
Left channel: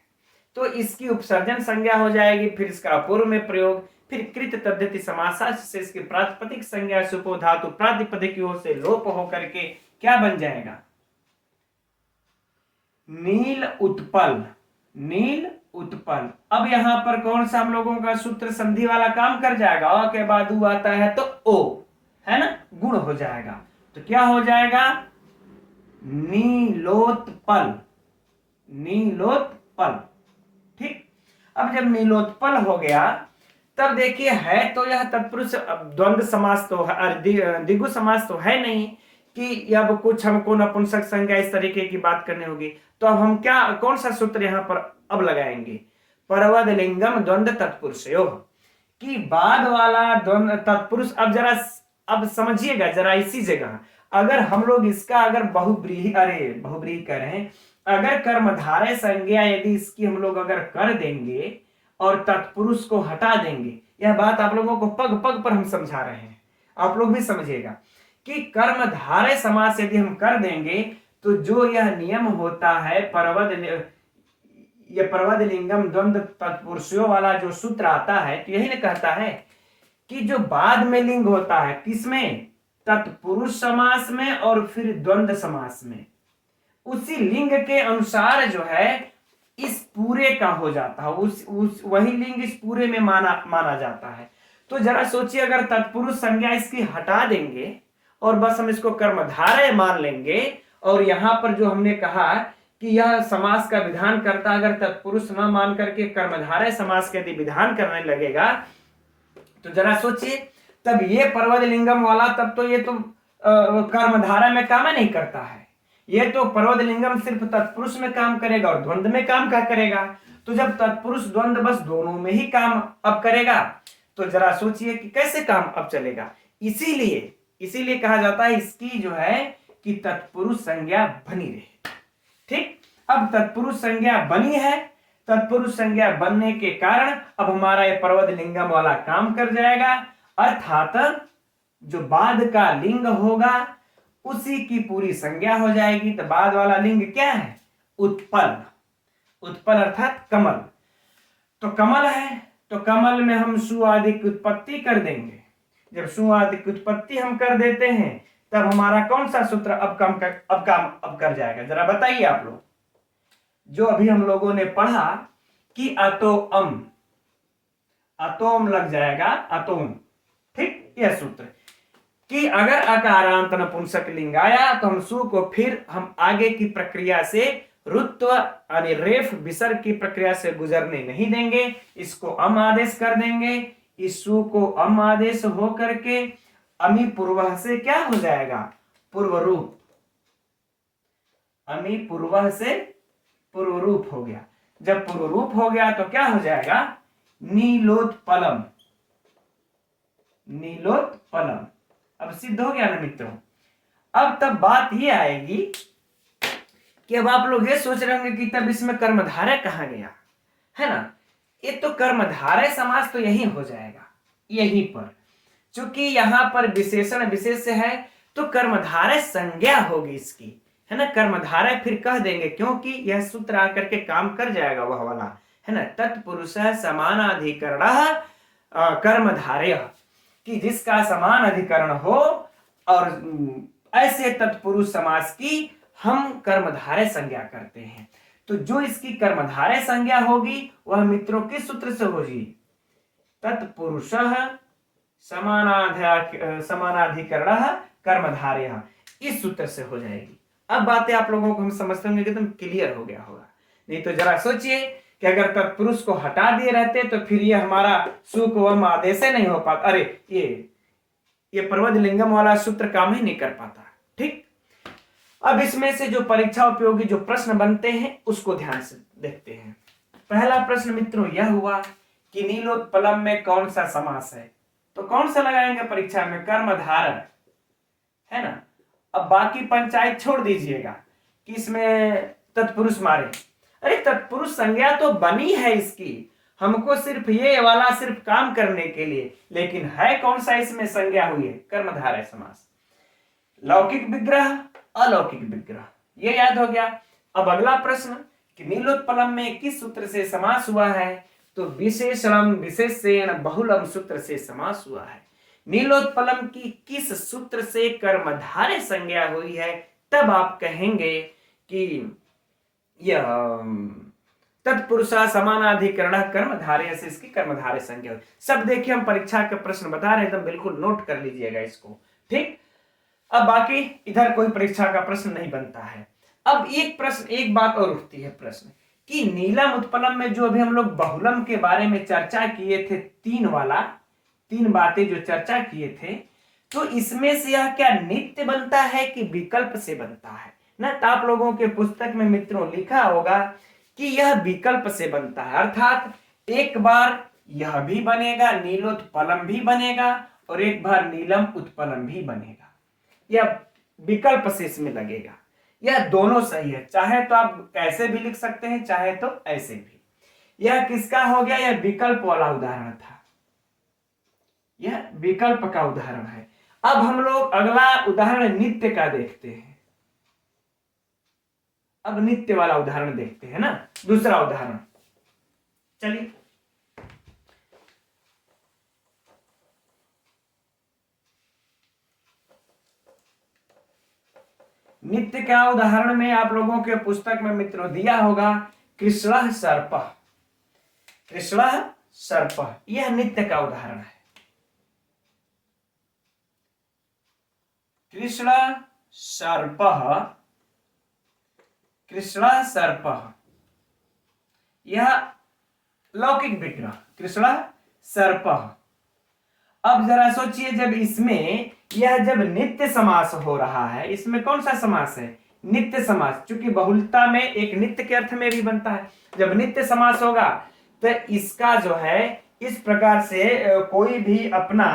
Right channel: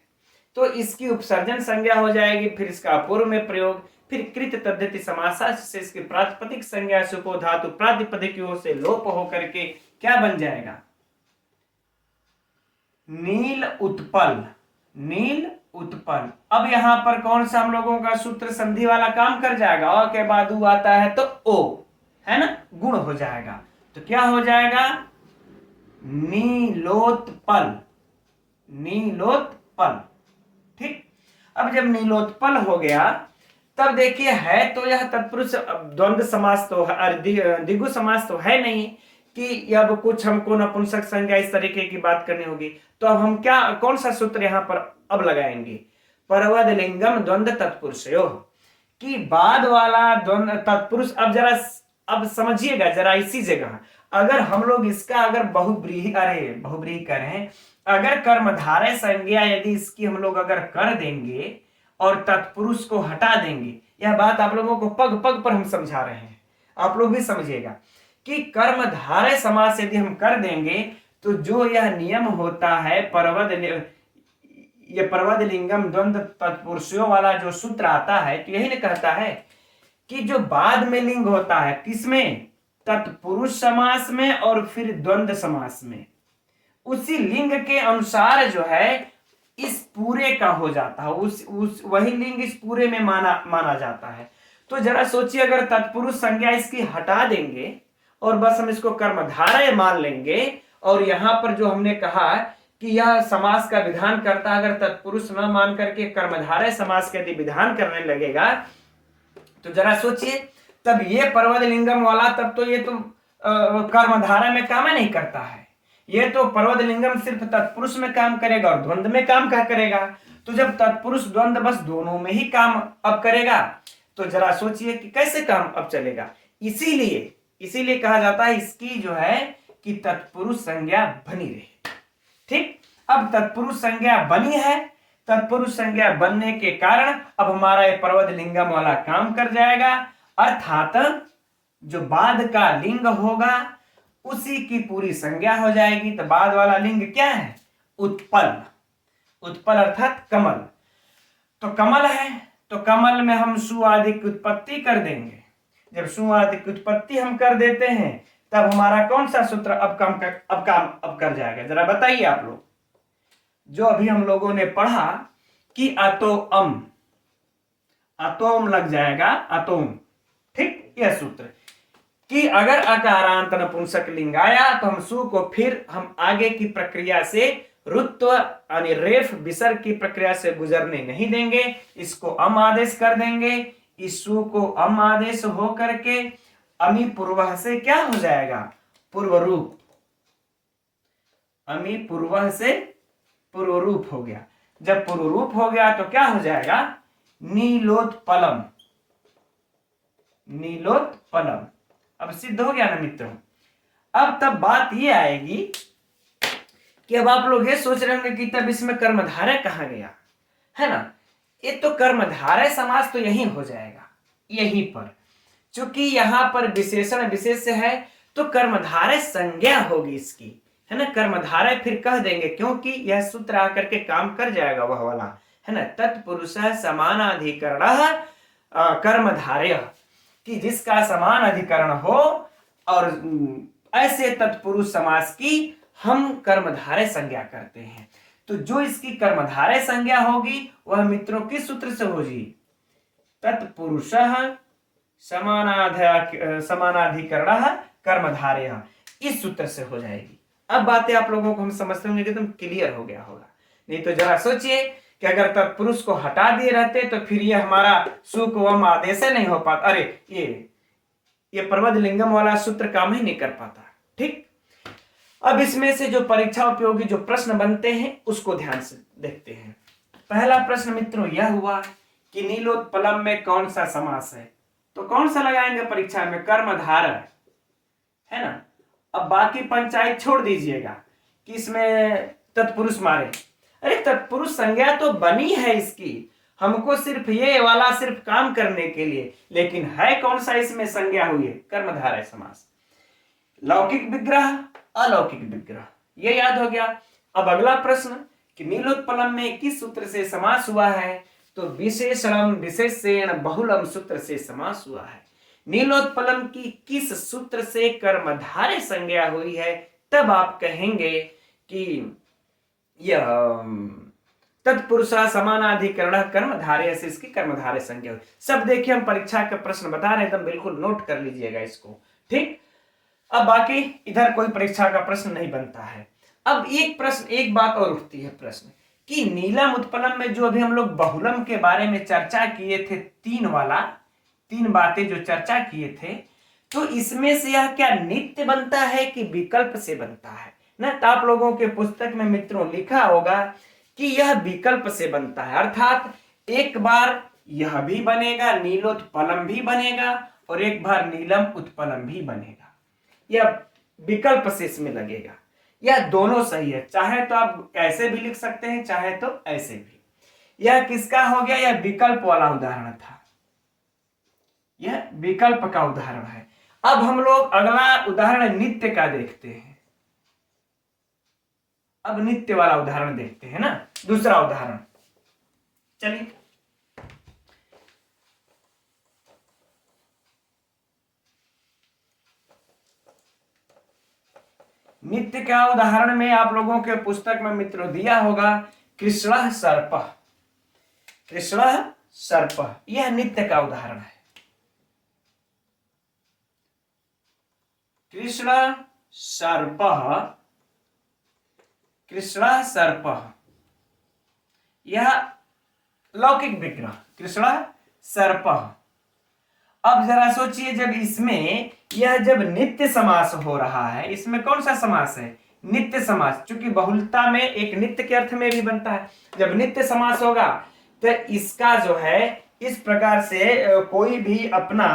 तो इसकी उपसर्जन संज्ञा हो जाएगी। फिर इसका अपूर्व में प्रयोग, फिर कृत तद्धित समासा से इसकी प्रातिपदिक संज्ञा सुपो धातु प्रातिपदिक की ओर से लोप होकर के क्या बन जाएगा, नील उत्पल, नील उत्पल। अब यहां पर कौन सा हम लोगों का सूत्र संधि वाला काम कर जाएगा, अ के बाद उ आता है तो ओ, है ना, गुण हो जाएगा। तो क्या हो जाएगा, नीलोत्पल, नीलोत्पल। ठीक, अब जब नीलोत्पल हो गया तब देखिए है तो यह तत्पुरुष द्वंद्व समास तो है, द्विगु समास तो है नहीं कि अब कुछ हमको नपुंसक संज्ञा इस तरीके की बात करनी होगी। तो अब हम क्या, कौन सा सूत्र यहां पर अब लगाएंगे, परवद लिंगम द्वंद्व तत्पुरुषयोः, कि बाद वाला द्वंद्व तत्पुरुष। अब जरा अब समझिएगा जरा, इसी जगह अगर हम लोग इसका अगर बहुब्रीहि करें, अगर कर्मधारय संज्ञा यदि इसकी हम लोग अगर कर देंगे और तत्पुरुष को हटा देंगे, यह बात आप लोगों को पग पग पर हम समझा रहे हैं, आप लोग भी समझिएगा कि कर्मधारय समास यदि हम कर देंगे तो जो यह नियम होता है परवद, ये प्रवद लिंगम द्वंद्व तत्पुरुषों वाला जो सूत्र आता है तो यही ना कहता है कि जो बाद में लिंग होता है किसमें, तत्पुरुष समास में और फिर द्वंद्व समास में, उसी लिंग के अनुसार जो है इस पूरे का हो जाता है, उस वही लिंग इस पूरे में माना जाता है। तो जरा सोचिए, अगर तत्पुरुष संज्ञा इसकी हटा देंगे और बस हम इसको कर्मधारय मान लेंगे, और यहां पर जो हमने कहा कि यह समास का विधान करता, अगर तत्पुरुष न मान करके कर्मधारय समास का यदि विधान करने लगेगा तो जरा सोचिए, तब ये पर्वत लिंगम वाला तब तो ये तो कर्मधारय में काम नहीं करता है, ये तो पर्वत लिंगम सिर्फ तत्पुरुष में काम करेगा और द्वंद्व में काम क्या करेगा। तो जब तत्पुरुष द्वंद्व बस दोनों में ही काम अब करेगा तो जरा सोचिए कि कैसे काम अब चलेगा। इसीलिए कहा जाता है इसकी जो है कि तत्पुरुष संज्ञा बनी रहे। ठीक, अब तत्पुरुष संज्ञा बनी है, तत्पुरुष संज्ञा बनने के कारण अब हमारा ये पर्वत लिंगम वाला काम कर जाएगा, अर्थात जो बाद का लिंग होगा उसी की पूरी संज्ञा हो जाएगी। तो बाद वाला लिंग क्या है, उत्पल, उत्पल अर्थात कमल। तो कमल है तो कमल में हम सु आदि की उत्पत्ति कर देंगे। जब सु आदि की उत्पत्ति हम कर देते हैं तब हमारा कौन सा सूत्र अब काम कर जाएगा, जरा बताइए आप लोग। जो अभी हम लोगों ने पढ़ा कि अतोम लग जाएगा, अतोम। ठीक, यह सूत्र कि अगर अकारांत नपुंसक लिंग आया तो हम सु को फिर हम आगे की प्रक्रिया से रुत्व यानी रेफ विसर्ग की प्रक्रिया से गुजरने नहीं देंगे, इसको अम आदेश कर देंगे। इस सु को अम आदेश हो करके अमी पूर्व से क्या हो जाएगा, पूर्व रूप। अमी पूर्व से पूर्व रूप हो गया। जब पूर्व रूप हो गया तो क्या हो जाएगा, नीलोत्पलम। नीलोत्पलम अब सिद्ध हो गया ना मित्रों। अब तब बात ये आएगी कि अब आप लोग ये सोच रहे होंगे कि तब इसमें कर्मधारय कहाँ गया, है ना। ये तो कर्मधारय समास तो यही हो जाएगा, यहीं पर, चूंकि यहां पर विशेषण विशेष है तो कर्मधारय संज्ञा होगी इसकी, है ना। कर्मधारय फिर कह देंगे क्योंकि यह सूत्र आकर के काम कर जाएगा वह वाला, है ना। तत्पुरुष समानाधिकरण कर्मधारय, कि जिसका समान अधिकरण हो, और ऐसे तत्पुरुष समास की हम कर्मधारय संज्ञा करते हैं। तो जो इसकी कर्मधारय संज्ञा होगी वह मित्रों किस सूत्र से होगी, तत्पुरुष समानाधिकरण कर्मधारय, इस सूत्र से हो जाएगी। अब बातें आप लोगों को हम समझते होंगे एकदम क्लियर हो गया होगा। नहीं तो जरा सोचिए कि अगर तत्पुरुष को हटा दिए रहते तो फिर ये हमारा सुख वम आदेश नहीं हो पाता, अरे ये पर्वत लिंगम वाला सूत्र काम ही नहीं कर पाता। ठीक, अब इसमें से जो परीक्षा उपयोगी जो प्रश्न बनते हैं उसको ध्यान से देखते हैं। पहला प्रश्न मित्रों यह हुआ कि नीलोत्पलम में कौन सा समास है, तो कौन सा लगाएंगे परीक्षा में, कर्मधारय, है ना। अब बाकी पंचायत छोड़ दीजिएगा कि इसमें तत्पुरुष मारे, अरे तत्पुरुष संज्ञा तो बनी है इसकी, हमको सिर्फ ये वाला सिर्फ काम करने के लिए, लेकिन है कौन सा इसमें संज्ञा हुई है, कर्मधारय समास। लौकिक विग्रह अलौकिक विग्रह, ये याद हो गया। अब अगला प्रश्न कि नीलोत्पलम में किस सूत्र से समास हुआ है, तो विशेषणम विशेषण बहुलम सूत्र से समास हुआ है। नीलोत्पलम की किस सूत्र से कर्मधारय संज्ञा हुई है, तब आप कहेंगे कि यह तत्पुरुषा समानाधिकरण कर्मधारय से इसकी कर्मधारय संज्ञा हुई। सब देखिए हम परीक्षा के प्रश्न बता रहे हैं, एकदम बिल्कुल नोट कर लीजिएगा इसको। ठीक, अब बाकी इधर कोई परीक्षा का प्रश्न नहीं बनता है। अब एक बात और उठती है प्रश्न कि नीलम उत्पलम में जो अभी हम लोग बहुलम के बारे में चर्चा किए थे, तीन बातें जो चर्चा किए थे, तो इसमें से यह क्या नित्य बनता है कि विकल्प से बनता है ना। तो आप लोगों के पुस्तक में मित्रों लिखा होगा कि यह विकल्प से बनता है, अर्थात एक बार यह भी बनेगा, नीलोत्पलम भी बनेगा, और एक बार नीलम उत्पलम भी बनेगा। यह विकल्प से इसमें लगेगा। यह दोनों सही है, चाहे तो आप ऐसे भी लिख सकते हैं, चाहे तो ऐसे भी। यह किसका हो गया, यह विकल्प वाला उदाहरण था, यह विकल्प का उदाहरण है। अब हम लोग अगला उदाहरण नित्य का देखते हैं। अब नित्य वाला उदाहरण देखते हैं ना, दूसरा उदाहरण। चलिए, नित्य का उदाहरण में आप लोगों के पुस्तक में मित्रों दिया होगा कृष्ण सर्प। कृष्ण सर्प यह नित्य का उदाहरण है। कृष्ण सर्प, कृष्ण सर्प यह लौकिक विग्रह कृष्ण सर्प। अब जरा सोचिए, जब इसमें यह जब नित्य समास हो रहा है, इसमें कौन सा समास है? नित्य समास, क्योंकि बहुलता में एक नित्य के अर्थ में भी बनता है। जब नित्य समास होगा तो इसका जो है इस प्रकार से कोई भी अपना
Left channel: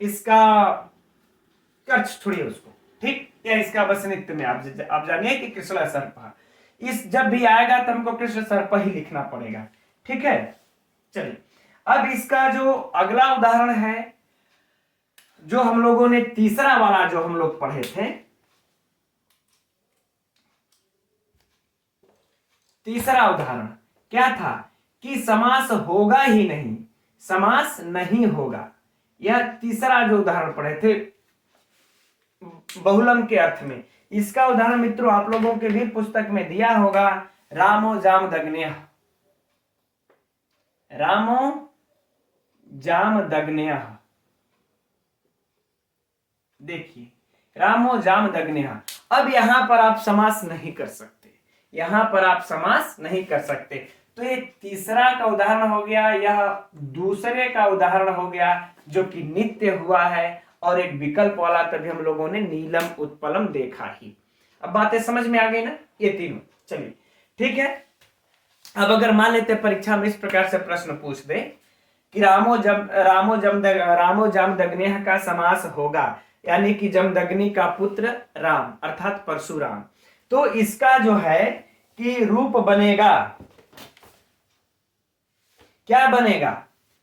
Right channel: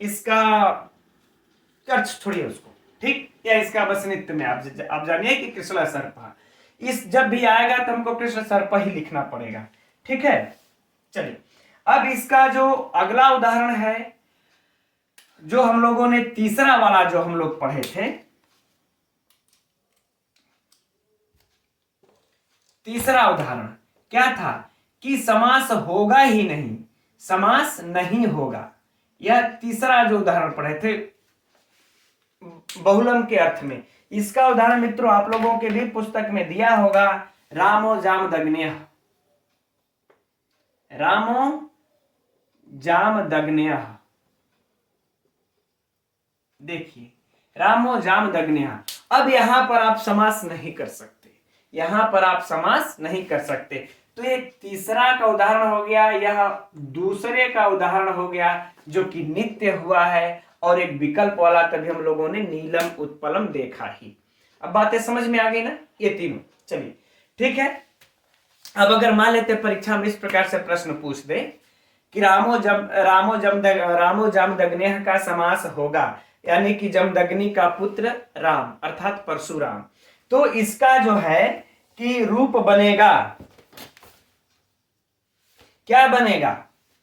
इसका अर्थ छोड़िए उसको, ठीक, या इसका बस नित्य में आप जानिए कि कृष्ण सर्प, इस जब भी आएगा तो हमको कृष्ण सर्प ही लिखना पड़ेगा, ठीक है। चलिए, अब इसका जो अगला उदाहरण है, जो हम लोगों ने तीसरा वाला जो हम लोग पढ़े थे, तीसरा उदाहरण क्या था कि समास होगा ही नहीं, समास नहीं होगा। यह तीसरा जो उदाहरण पढ़े थे बहुलम के अर्थ में, इसका उदाहरण मित्रों आप लोगों के भी पुस्तक में दिया होगा रामो जामदग्न्यः। रामो जामदग्न्यः, देखिए रामो जामदग्न्यः। अब यहां पर आप समास नहीं कर सकते, यहां पर आप समास नहीं कर सकते। तो एक तीसरा का उदाहरण हो गया, यह दूसरे का उदाहरण हो गया जो कि नित्य हुआ है, और एक विकल्प वाला तभी हम लोगों ने नीलम उत्पलम देखा ही। अब बातें समझ में आ गई ना ये तीनों। चलिए ठीक है, अब अगर मान लेते परीक्षा में इस प्रकार से प्रश्न पूछ दे कि रामो जामदग्न्यः का समास होगा, यानी कि जमदग्नि का पुत्र राम अर्थात परशुराम, तो इसका जो है कि रूप बनेगा, क्या बनेगा,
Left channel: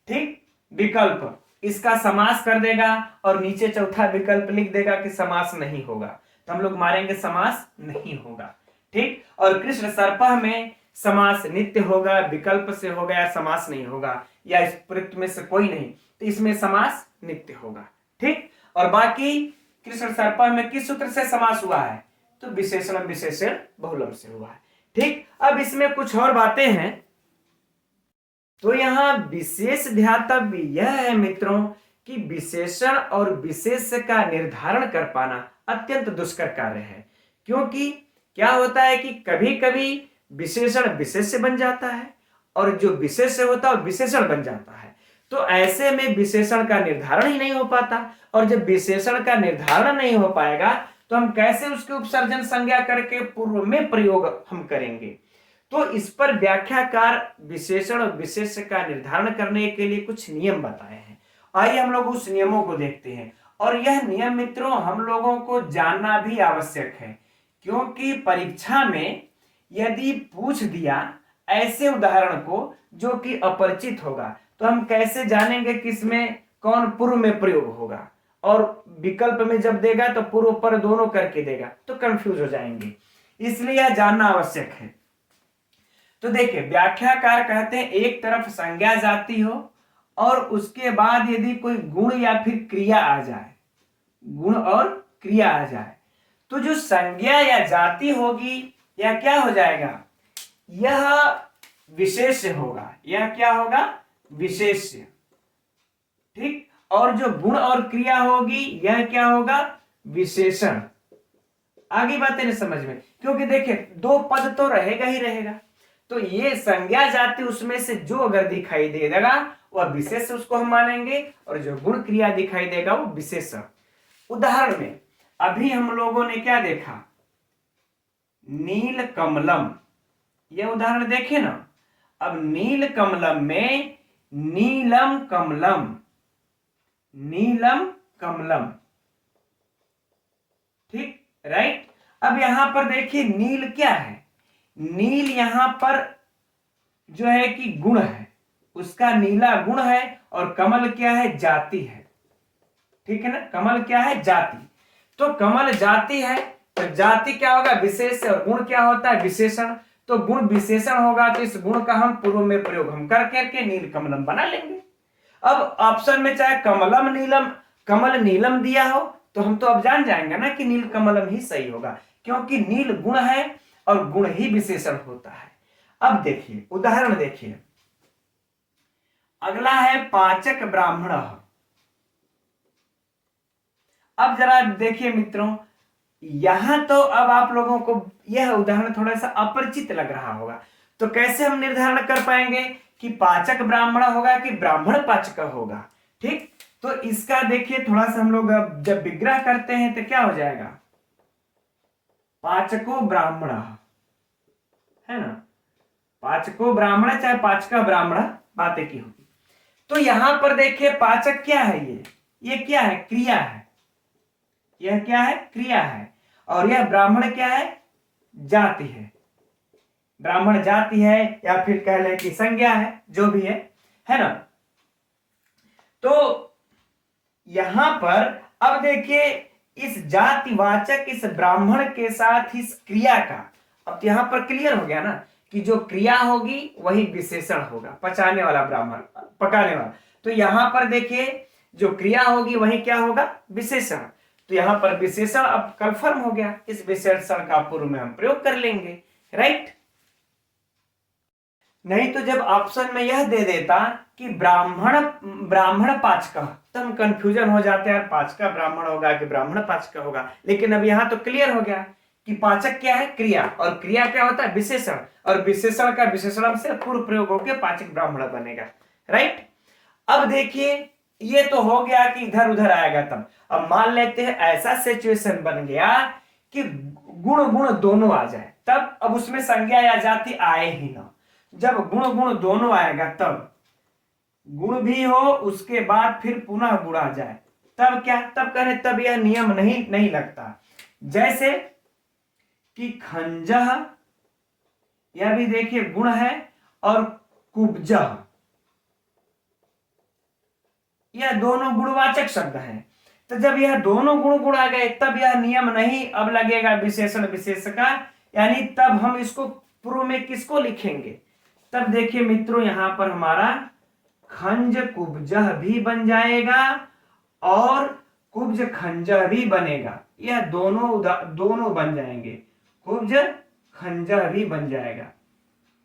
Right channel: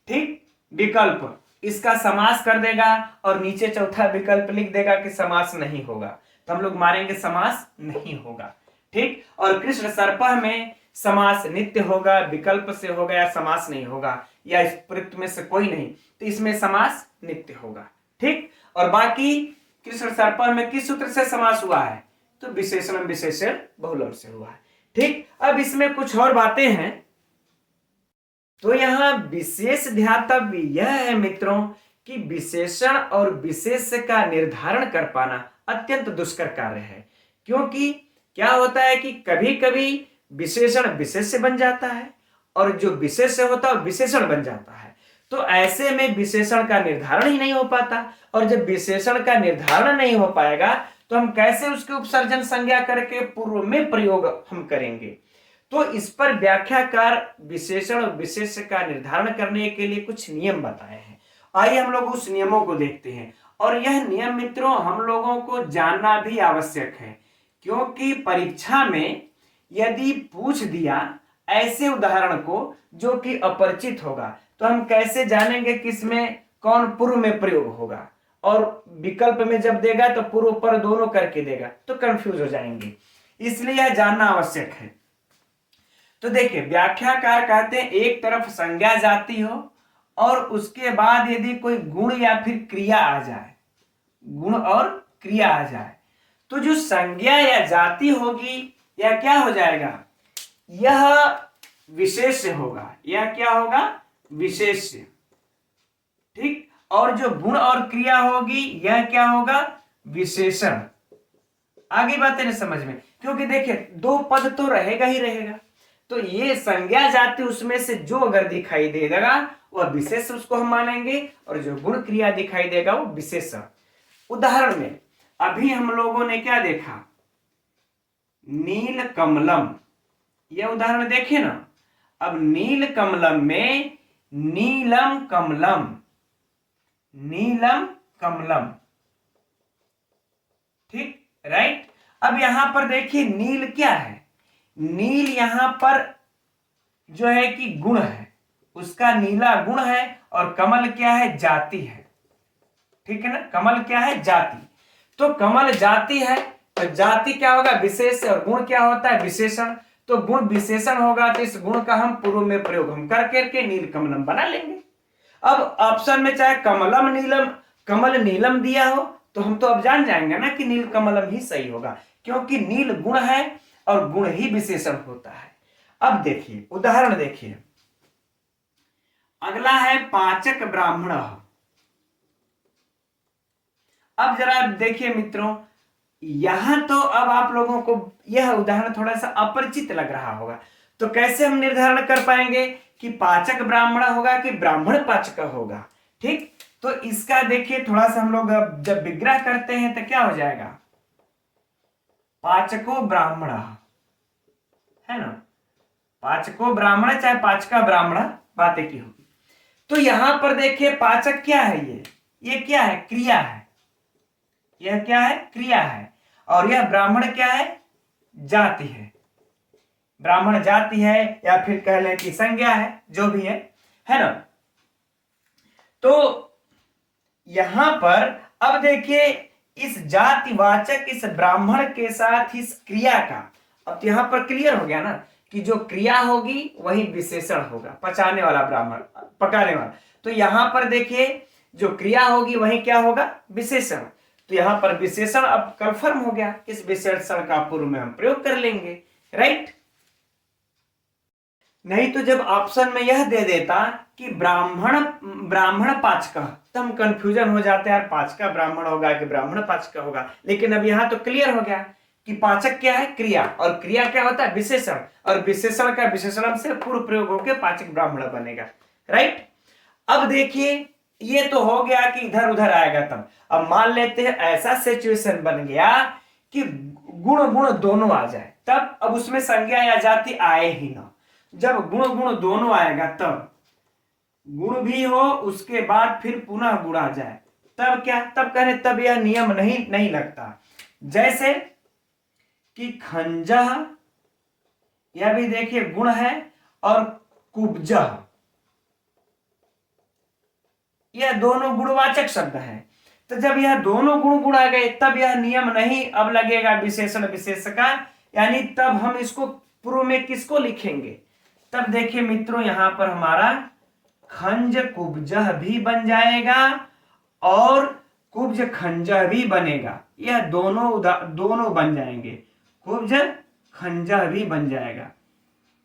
ठीक, विकल्प, इसका समास कर देगा और नीचे चौथा विकल्प लिख देगा कि समास नहीं होगा, तो हम लोग मारेंगे समास नहीं होगा, ठीक। और कृष्ण सर्प में समास नित्य होगा, विकल्प से होगा, या समास नहीं होगा, या इस प्रयुक्त में से कोई नहीं, तो इसमें समास नित्य होगा, ठीक। और बाकी कृष्ण सर्प में किस सूत्र से समास हुआ है? तो विशेषण विशेषण बहुलम से हुआ है, ठीक। अब इसमें कुछ और बातें हैं, तो यहां विशेष ध्यातव्य यह है मित्रों कि विशेषण और विशेष का निर्धारण कर पाना अत्यंत दुष्कर कार्य है। क्योंकि क्या होता है कि कभी कभी विशेषण विशेष बन जाता है और जो विशेष होता है विशेषण बन जाता है, तो ऐसे में विशेषण का निर्धारण ही नहीं हो पाता, और जब विशेषण का निर्धारण नहीं हो पाएगा तो हम कैसे उसके उपसर्जन संज्ञा करके पूर्व में प्रयोग हम करेंगे। तो इस पर व्याख्याकार विशेषण और विशेष का निर्धारण करने के लिए कुछ नियम बताए हैं। आइए हम लोग उस नियमों को देखते हैं। और यह नियम मित्रों हम लोगों को जानना भी आवश्यक है, क्योंकि परीक्षा में यदि पूछ दिया ऐसे उदाहरण को जो कि अपरिचित होगा, तो हम कैसे जानेंगे किसमें कौन पूर्व में प्रयोग होगा, और विकल्प में जब देगा तो पूर्व पर दोनों करके देगा तो कंफ्यूज हो जाएंगे, इसलिए यह जानना आवश्यक है। तो देखिए व्याख्याकार कहते हैं एक तरफ संज्ञा जाती हो और उसके बाद यदि कोई गुण या फिर क्रिया आ जाए, गुण और क्रिया आ जाए, तो जो संज्ञा या जाति होगी यह क्या हो जाएगा, यह विशेष्य होगा, यह क्या होगा, विशेष्य, ठीक। और जो गुण और क्रिया होगी यह क्या होगा, विशेषण। आगे बातें नहीं समझ में, क्योंकि देखिए दो पद तो रहेगा ही रहेगा, तो ये संज्ञा जाति उसमें से जो अगर दिखाई दे देगा वह विशेष उसको हम मानेंगे, और जो गुण क्रिया दिखाई देगा वो विशेषण। उदाहरण में अभी हम लोगों ने क्या देखा, नील कमलम, यह उदाहरण देखे ना। अब नील कमलम में नीलम कमलम, नीलम कमलम, ठीक, राइट। अब यहां पर देखिए नील क्या है, नील यहां पर जो है कि गुण है, उसका नीला गुण है, और कमल क्या है, जाति है, ठीक है ना, कमल क्या है, जाति। तो कमल जाति है, तो जाति क्या होगा? विशेष, और गुण क्या होता है? विशेषण। तो गुण विशेषण होगा तो इस गुण का हम पूर्व में प्रयोग हम कर करके नीलकमलम बना लेंगे। अब ऑप्शन में चाहे कमलम नीलम, कमल नीलम दिया हो तो हम तो अब जान जाएंगे ना कि नीलकमलम ही सही होगा, क्योंकि नील गुण है और गुण ही विशेषण होता है। अब देखिए उदाहरण देखिए, अगला है पाचक ब्राह्मण। अब जरा देखिए मित्रों, यहां तो अब आप लोगों को यह उदाहरण थोड़ा सा अपरिचित लग रहा होगा, तो कैसे हम निर्धारण कर पाएंगे कि पाचक ब्राह्मण होगा कि ब्राह्मण पाचक होगा? ठीक, तो इसका देखिए थोड़ा सा हम लोग अब जब विग्रह करते हैं तो क्या हो जाएगा? पाचको ब्राह्मण, है ना? पाचको ब्राह्मण चाहे पाचका ब्राह्मण, बात एक ही होगी। तो यहां पर देखिए पाचक क्या है? ये क्या है? क्रिया है। यह क्या है? क्रिया है। और यह ब्राह्मण क्या है? जाति है। ब्राह्मण जाति है, या फिर कह लें कि संज्ञा है, जो भी है ना? तो यहां पर अब देखिए इस जातिवाचक इस ब्राह्मण के साथ इस क्रिया का, अब तो यहां पर क्लियर हो गया ना कि जो क्रिया होगी वही विशेषण होगा, पचाने वाला ब्राह्मण, पकाने वाला। तो यहां पर देखिए जो क्रिया होगी वही क्या होगा? विशेषण। तो यहां पर विशेषण अब कंफर्म हो गया, इस विशेषण का पूर्व में हम प्रयोग कर लेंगे, राइट? नहीं तो जब ऑप्शन में यह दे देता कि ब्राह्मण ब्राह्मण पाचक, तो हम कंफ्यूजन हो जाते हैं यार, पाचका ब्राह्मण होगा कि ब्राह्मण पाचक होगा। लेकिन अब यहां तो क्लियर हो गया कि पाचक क्या है? क्रिया, और क्रिया क्या होता है? विशेषण, और विशेषण का विशेषण से पूर्व प्रयोग होकर पाचक ब्राह्मण बनेगा, राइट? अब देखिए ये तो हो गया कि इधर उधर आएगा तब। अब मान लेते हैं ऐसा सिचुएशन बन गया कि गुण गुण दोनों आ जाए, तब अब उसमें संज्ञा या जाति आए ही ना। जब गुण गुण दोनों आएगा तब गुण भी हो, उसके बाद फिर पुनः गुण आ जाए, तब क्या? तब कहने तब यह नियम नहीं लगता। जैसे कि खंजह, यह भी देखिए गुण है, और कुब्जह, यह दोनों गुणवाचक शब्द हैं। तो जब यह दोनों गुण गुण आ गए तब यह नियम नहीं अब लगेगा विशेषण विशेष का, यानी तब हम इसको पूर्व में किसको लिखेंगे? तब देखिए मित्रों यहां पर हमारा खंज कुब्जह भी बन जाएगा और कुब्ज खंजह भी बनेगा। यह दोनों बन जाएंगे, कुब्ज खंजह भी बन जाएगा।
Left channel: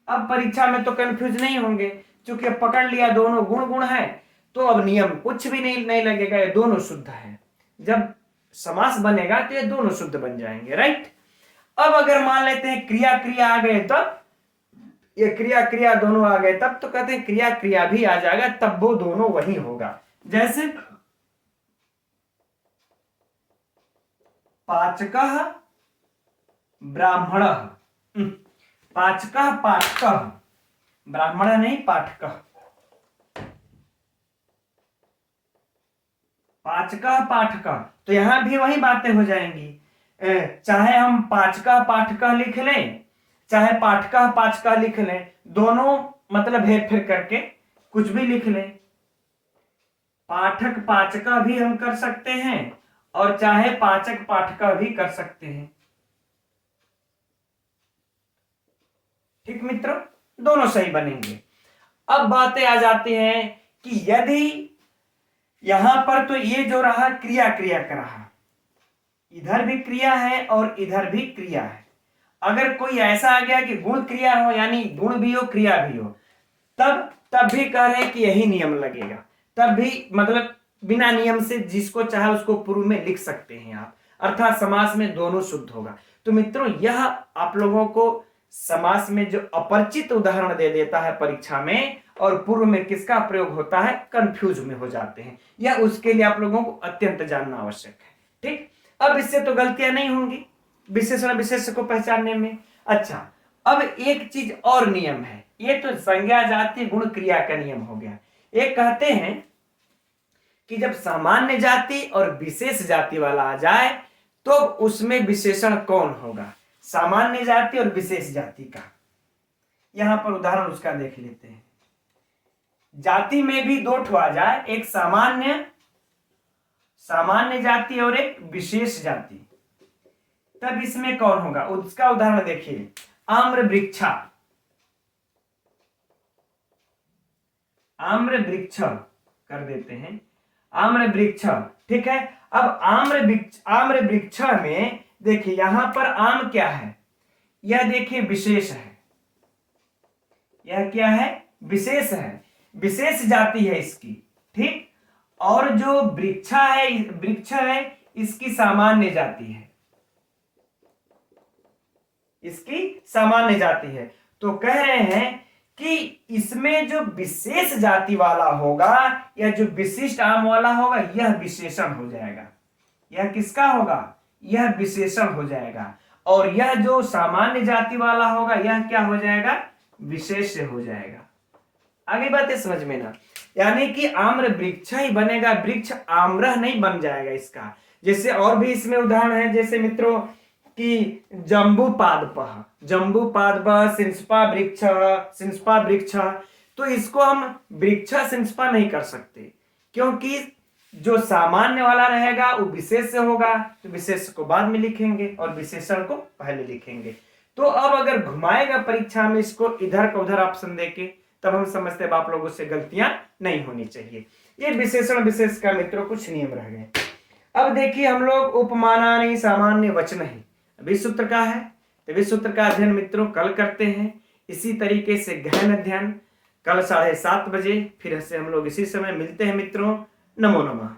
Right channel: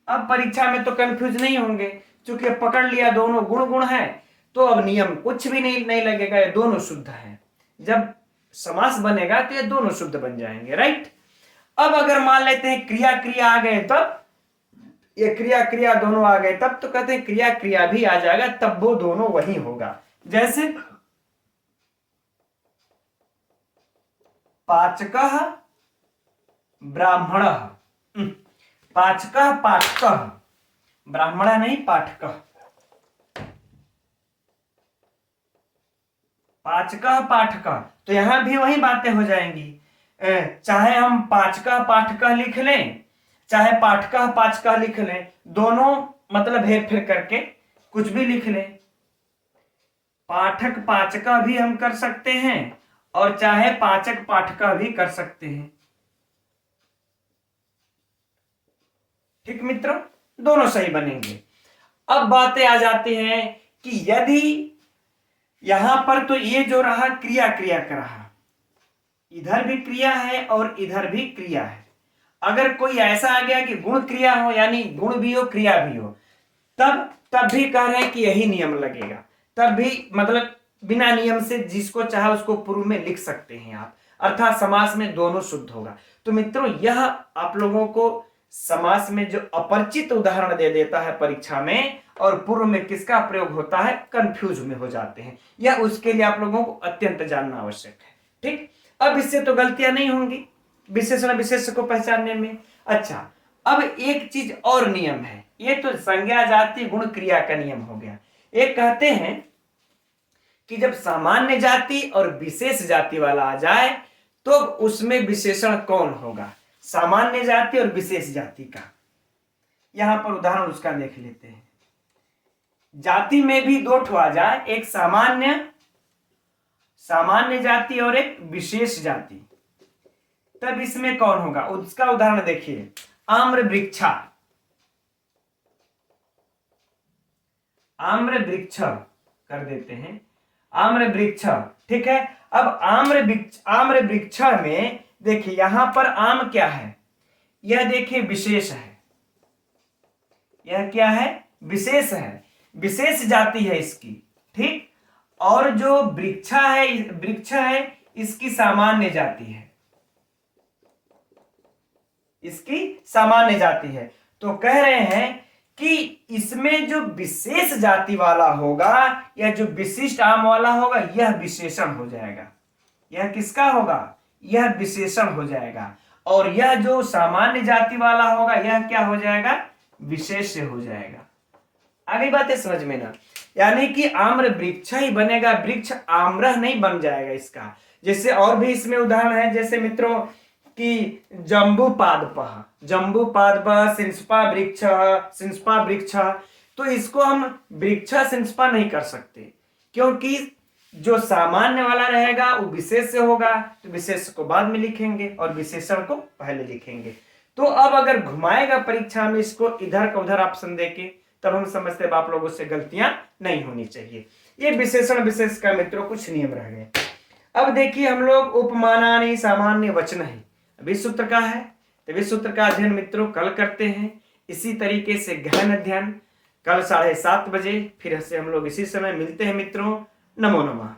अब परीक्षा में तो कंफ्यूज नहीं होंगे, क्योंकि पकड़ लिया दोनों गुण गुण है, तो अब नियम कुछ भी नहीं लगेगा, ये दोनों शुद्ध है। जब समास बनेगा तो ये दोनों शुद्ध बन जाएंगे, राइट? अब अगर मान लेते हैं क्रिया क्रिया आ गए, तब ये क्रिया क्रिया दोनों आ गए तब तो कहते हैं क्रिया क्रिया भी आ जाएगा, तब वो दोनों वही होगा। जैसे पाचकः ब्राह्मणः, पाचकः पाठकः, ब्राह्मण नहीं पाठकः, पाचकः पाठकः। तो यहां भी वही बातें हो जाएंगी, चाहे हम पाचकः पाठकः लिख लें चाहे पाठकः पाचकः लिख लें, दोनों मतलब हेर फेर करके कुछ भी लिख लें। पाठक पाचका भी हम कर सकते हैं और चाहे पाचक पाठका भी कर सकते हैं। ठीक मित्रों, दोनों सही बनेंगे। अब बातें आ जाती हैं कि यदि यहां पर तो ये जो रहा क्रिया क्रिया का रहा, इधर भी क्रिया है और इधर भी क्रिया है। अगर कोई ऐसा आ गया कि गुण क्रिया हो, यानी गुण भी हो क्रिया भी हो, तब भी कह रहे हैं कि यही नियम लगेगा। तब भी मतलब बिना नियम से जिसको चाहे उसको पूर्व में लिख सकते हैं आप, अर्थात समास में दोनों शुद्ध होगा। तो मित्रों यह आप लोगों को समास में जो अपरिचित उदाहरण दे देता है परीक्षा में, और पूर्व में किसका प्रयोग होता है, कंफ्यूज में हो जाते हैं, यह उसके लिए आप लोगों को अत्यंत जानना आवश्यक है। ठीक, अब इससे तो गलतियां नहीं होंगी विशेषण विशेष को पहचानने में। अच्छा, अब एक चीज और नियम है, ये तो संज्ञा जाति गुण क्रिया का नियम हो गया। एक कहते हैं कि जब सामान्य जाति और विशेष जाति वाला आ जाए तो उसमें विशेषण कौन होगा, सामान्य जाति और विशेष जाति का। यहां पर उदाहरण उसका देख लेते हैं। जाति में भी दो ठो आ जाए, एक सामान्य जाति और एक विशेष जाति। तब इसमें कौन होगा? उसका उदाहरण देखिए, आम्र वृक्षा, आम्र वृक्ष कर देते हैं, आम्र वृक्ष, ठीक है। अब आम्र वृक्ष में देखिए यहां पर आम क्या है? यह देखिए विशेष है, यह क्या है? विशेष है, विशेष जाति है इसकी, ठीक। और जो वृक्ष है इसकी सामान्य जाति है, इसकी सामान्य जाति है। तो कह रहे हैं कि इसमें जो विशेष जाति वाला होगा या जो विशिष्ट आम वाला होगा यह विशेषण हो जाएगा। यह किसका होगा? यह विशेषण हो जाएगा। और यह जो सामान्य जाति वाला होगा यह क्या हो जाएगा? विशेष्य हो जाएगा। आगे बातें समझ में ना? यानी कि आम्र वृक्ष ही बनेगा, वृक्ष आम्रह नहीं बन जाएगा इसका। जैसे और भी इसमें उदाहरण है, जैसे मित्रों कि जम्बूपादपः, जम्बूपादपः, सिंस्पा वृक्ष, सिंस्पा वृक्ष। तो इसको हम वृक्ष सिंस्पा नहीं कर सकते, क्योंकि जो सामान्य वाला रहेगा वो विशेष से होगा, तो विशेष को बाद में लिखेंगे और विशेषण को पहले लिखेंगे। तो अब अगर घुमाएगा परीक्षा में इसको इधर का उधर ऑप्शन देके, तब हम समझते हैं आप लोगों से गलतियां नहीं होनी चाहिए। ये विशेषण विशेष का मित्रों कुछ नियम रह गए। अब देखिए हम लोग उपमानानि सामान्य वचन है विश्व सूत्र का है, तो विश्व सूत्र का अध्ययन मित्रों कल करते हैं। इसी तरीके से गहन अध्ययन कल 7:30 बजे फिर से हम लोग इसी समय मिलते हैं मित्रों। नमो नमः।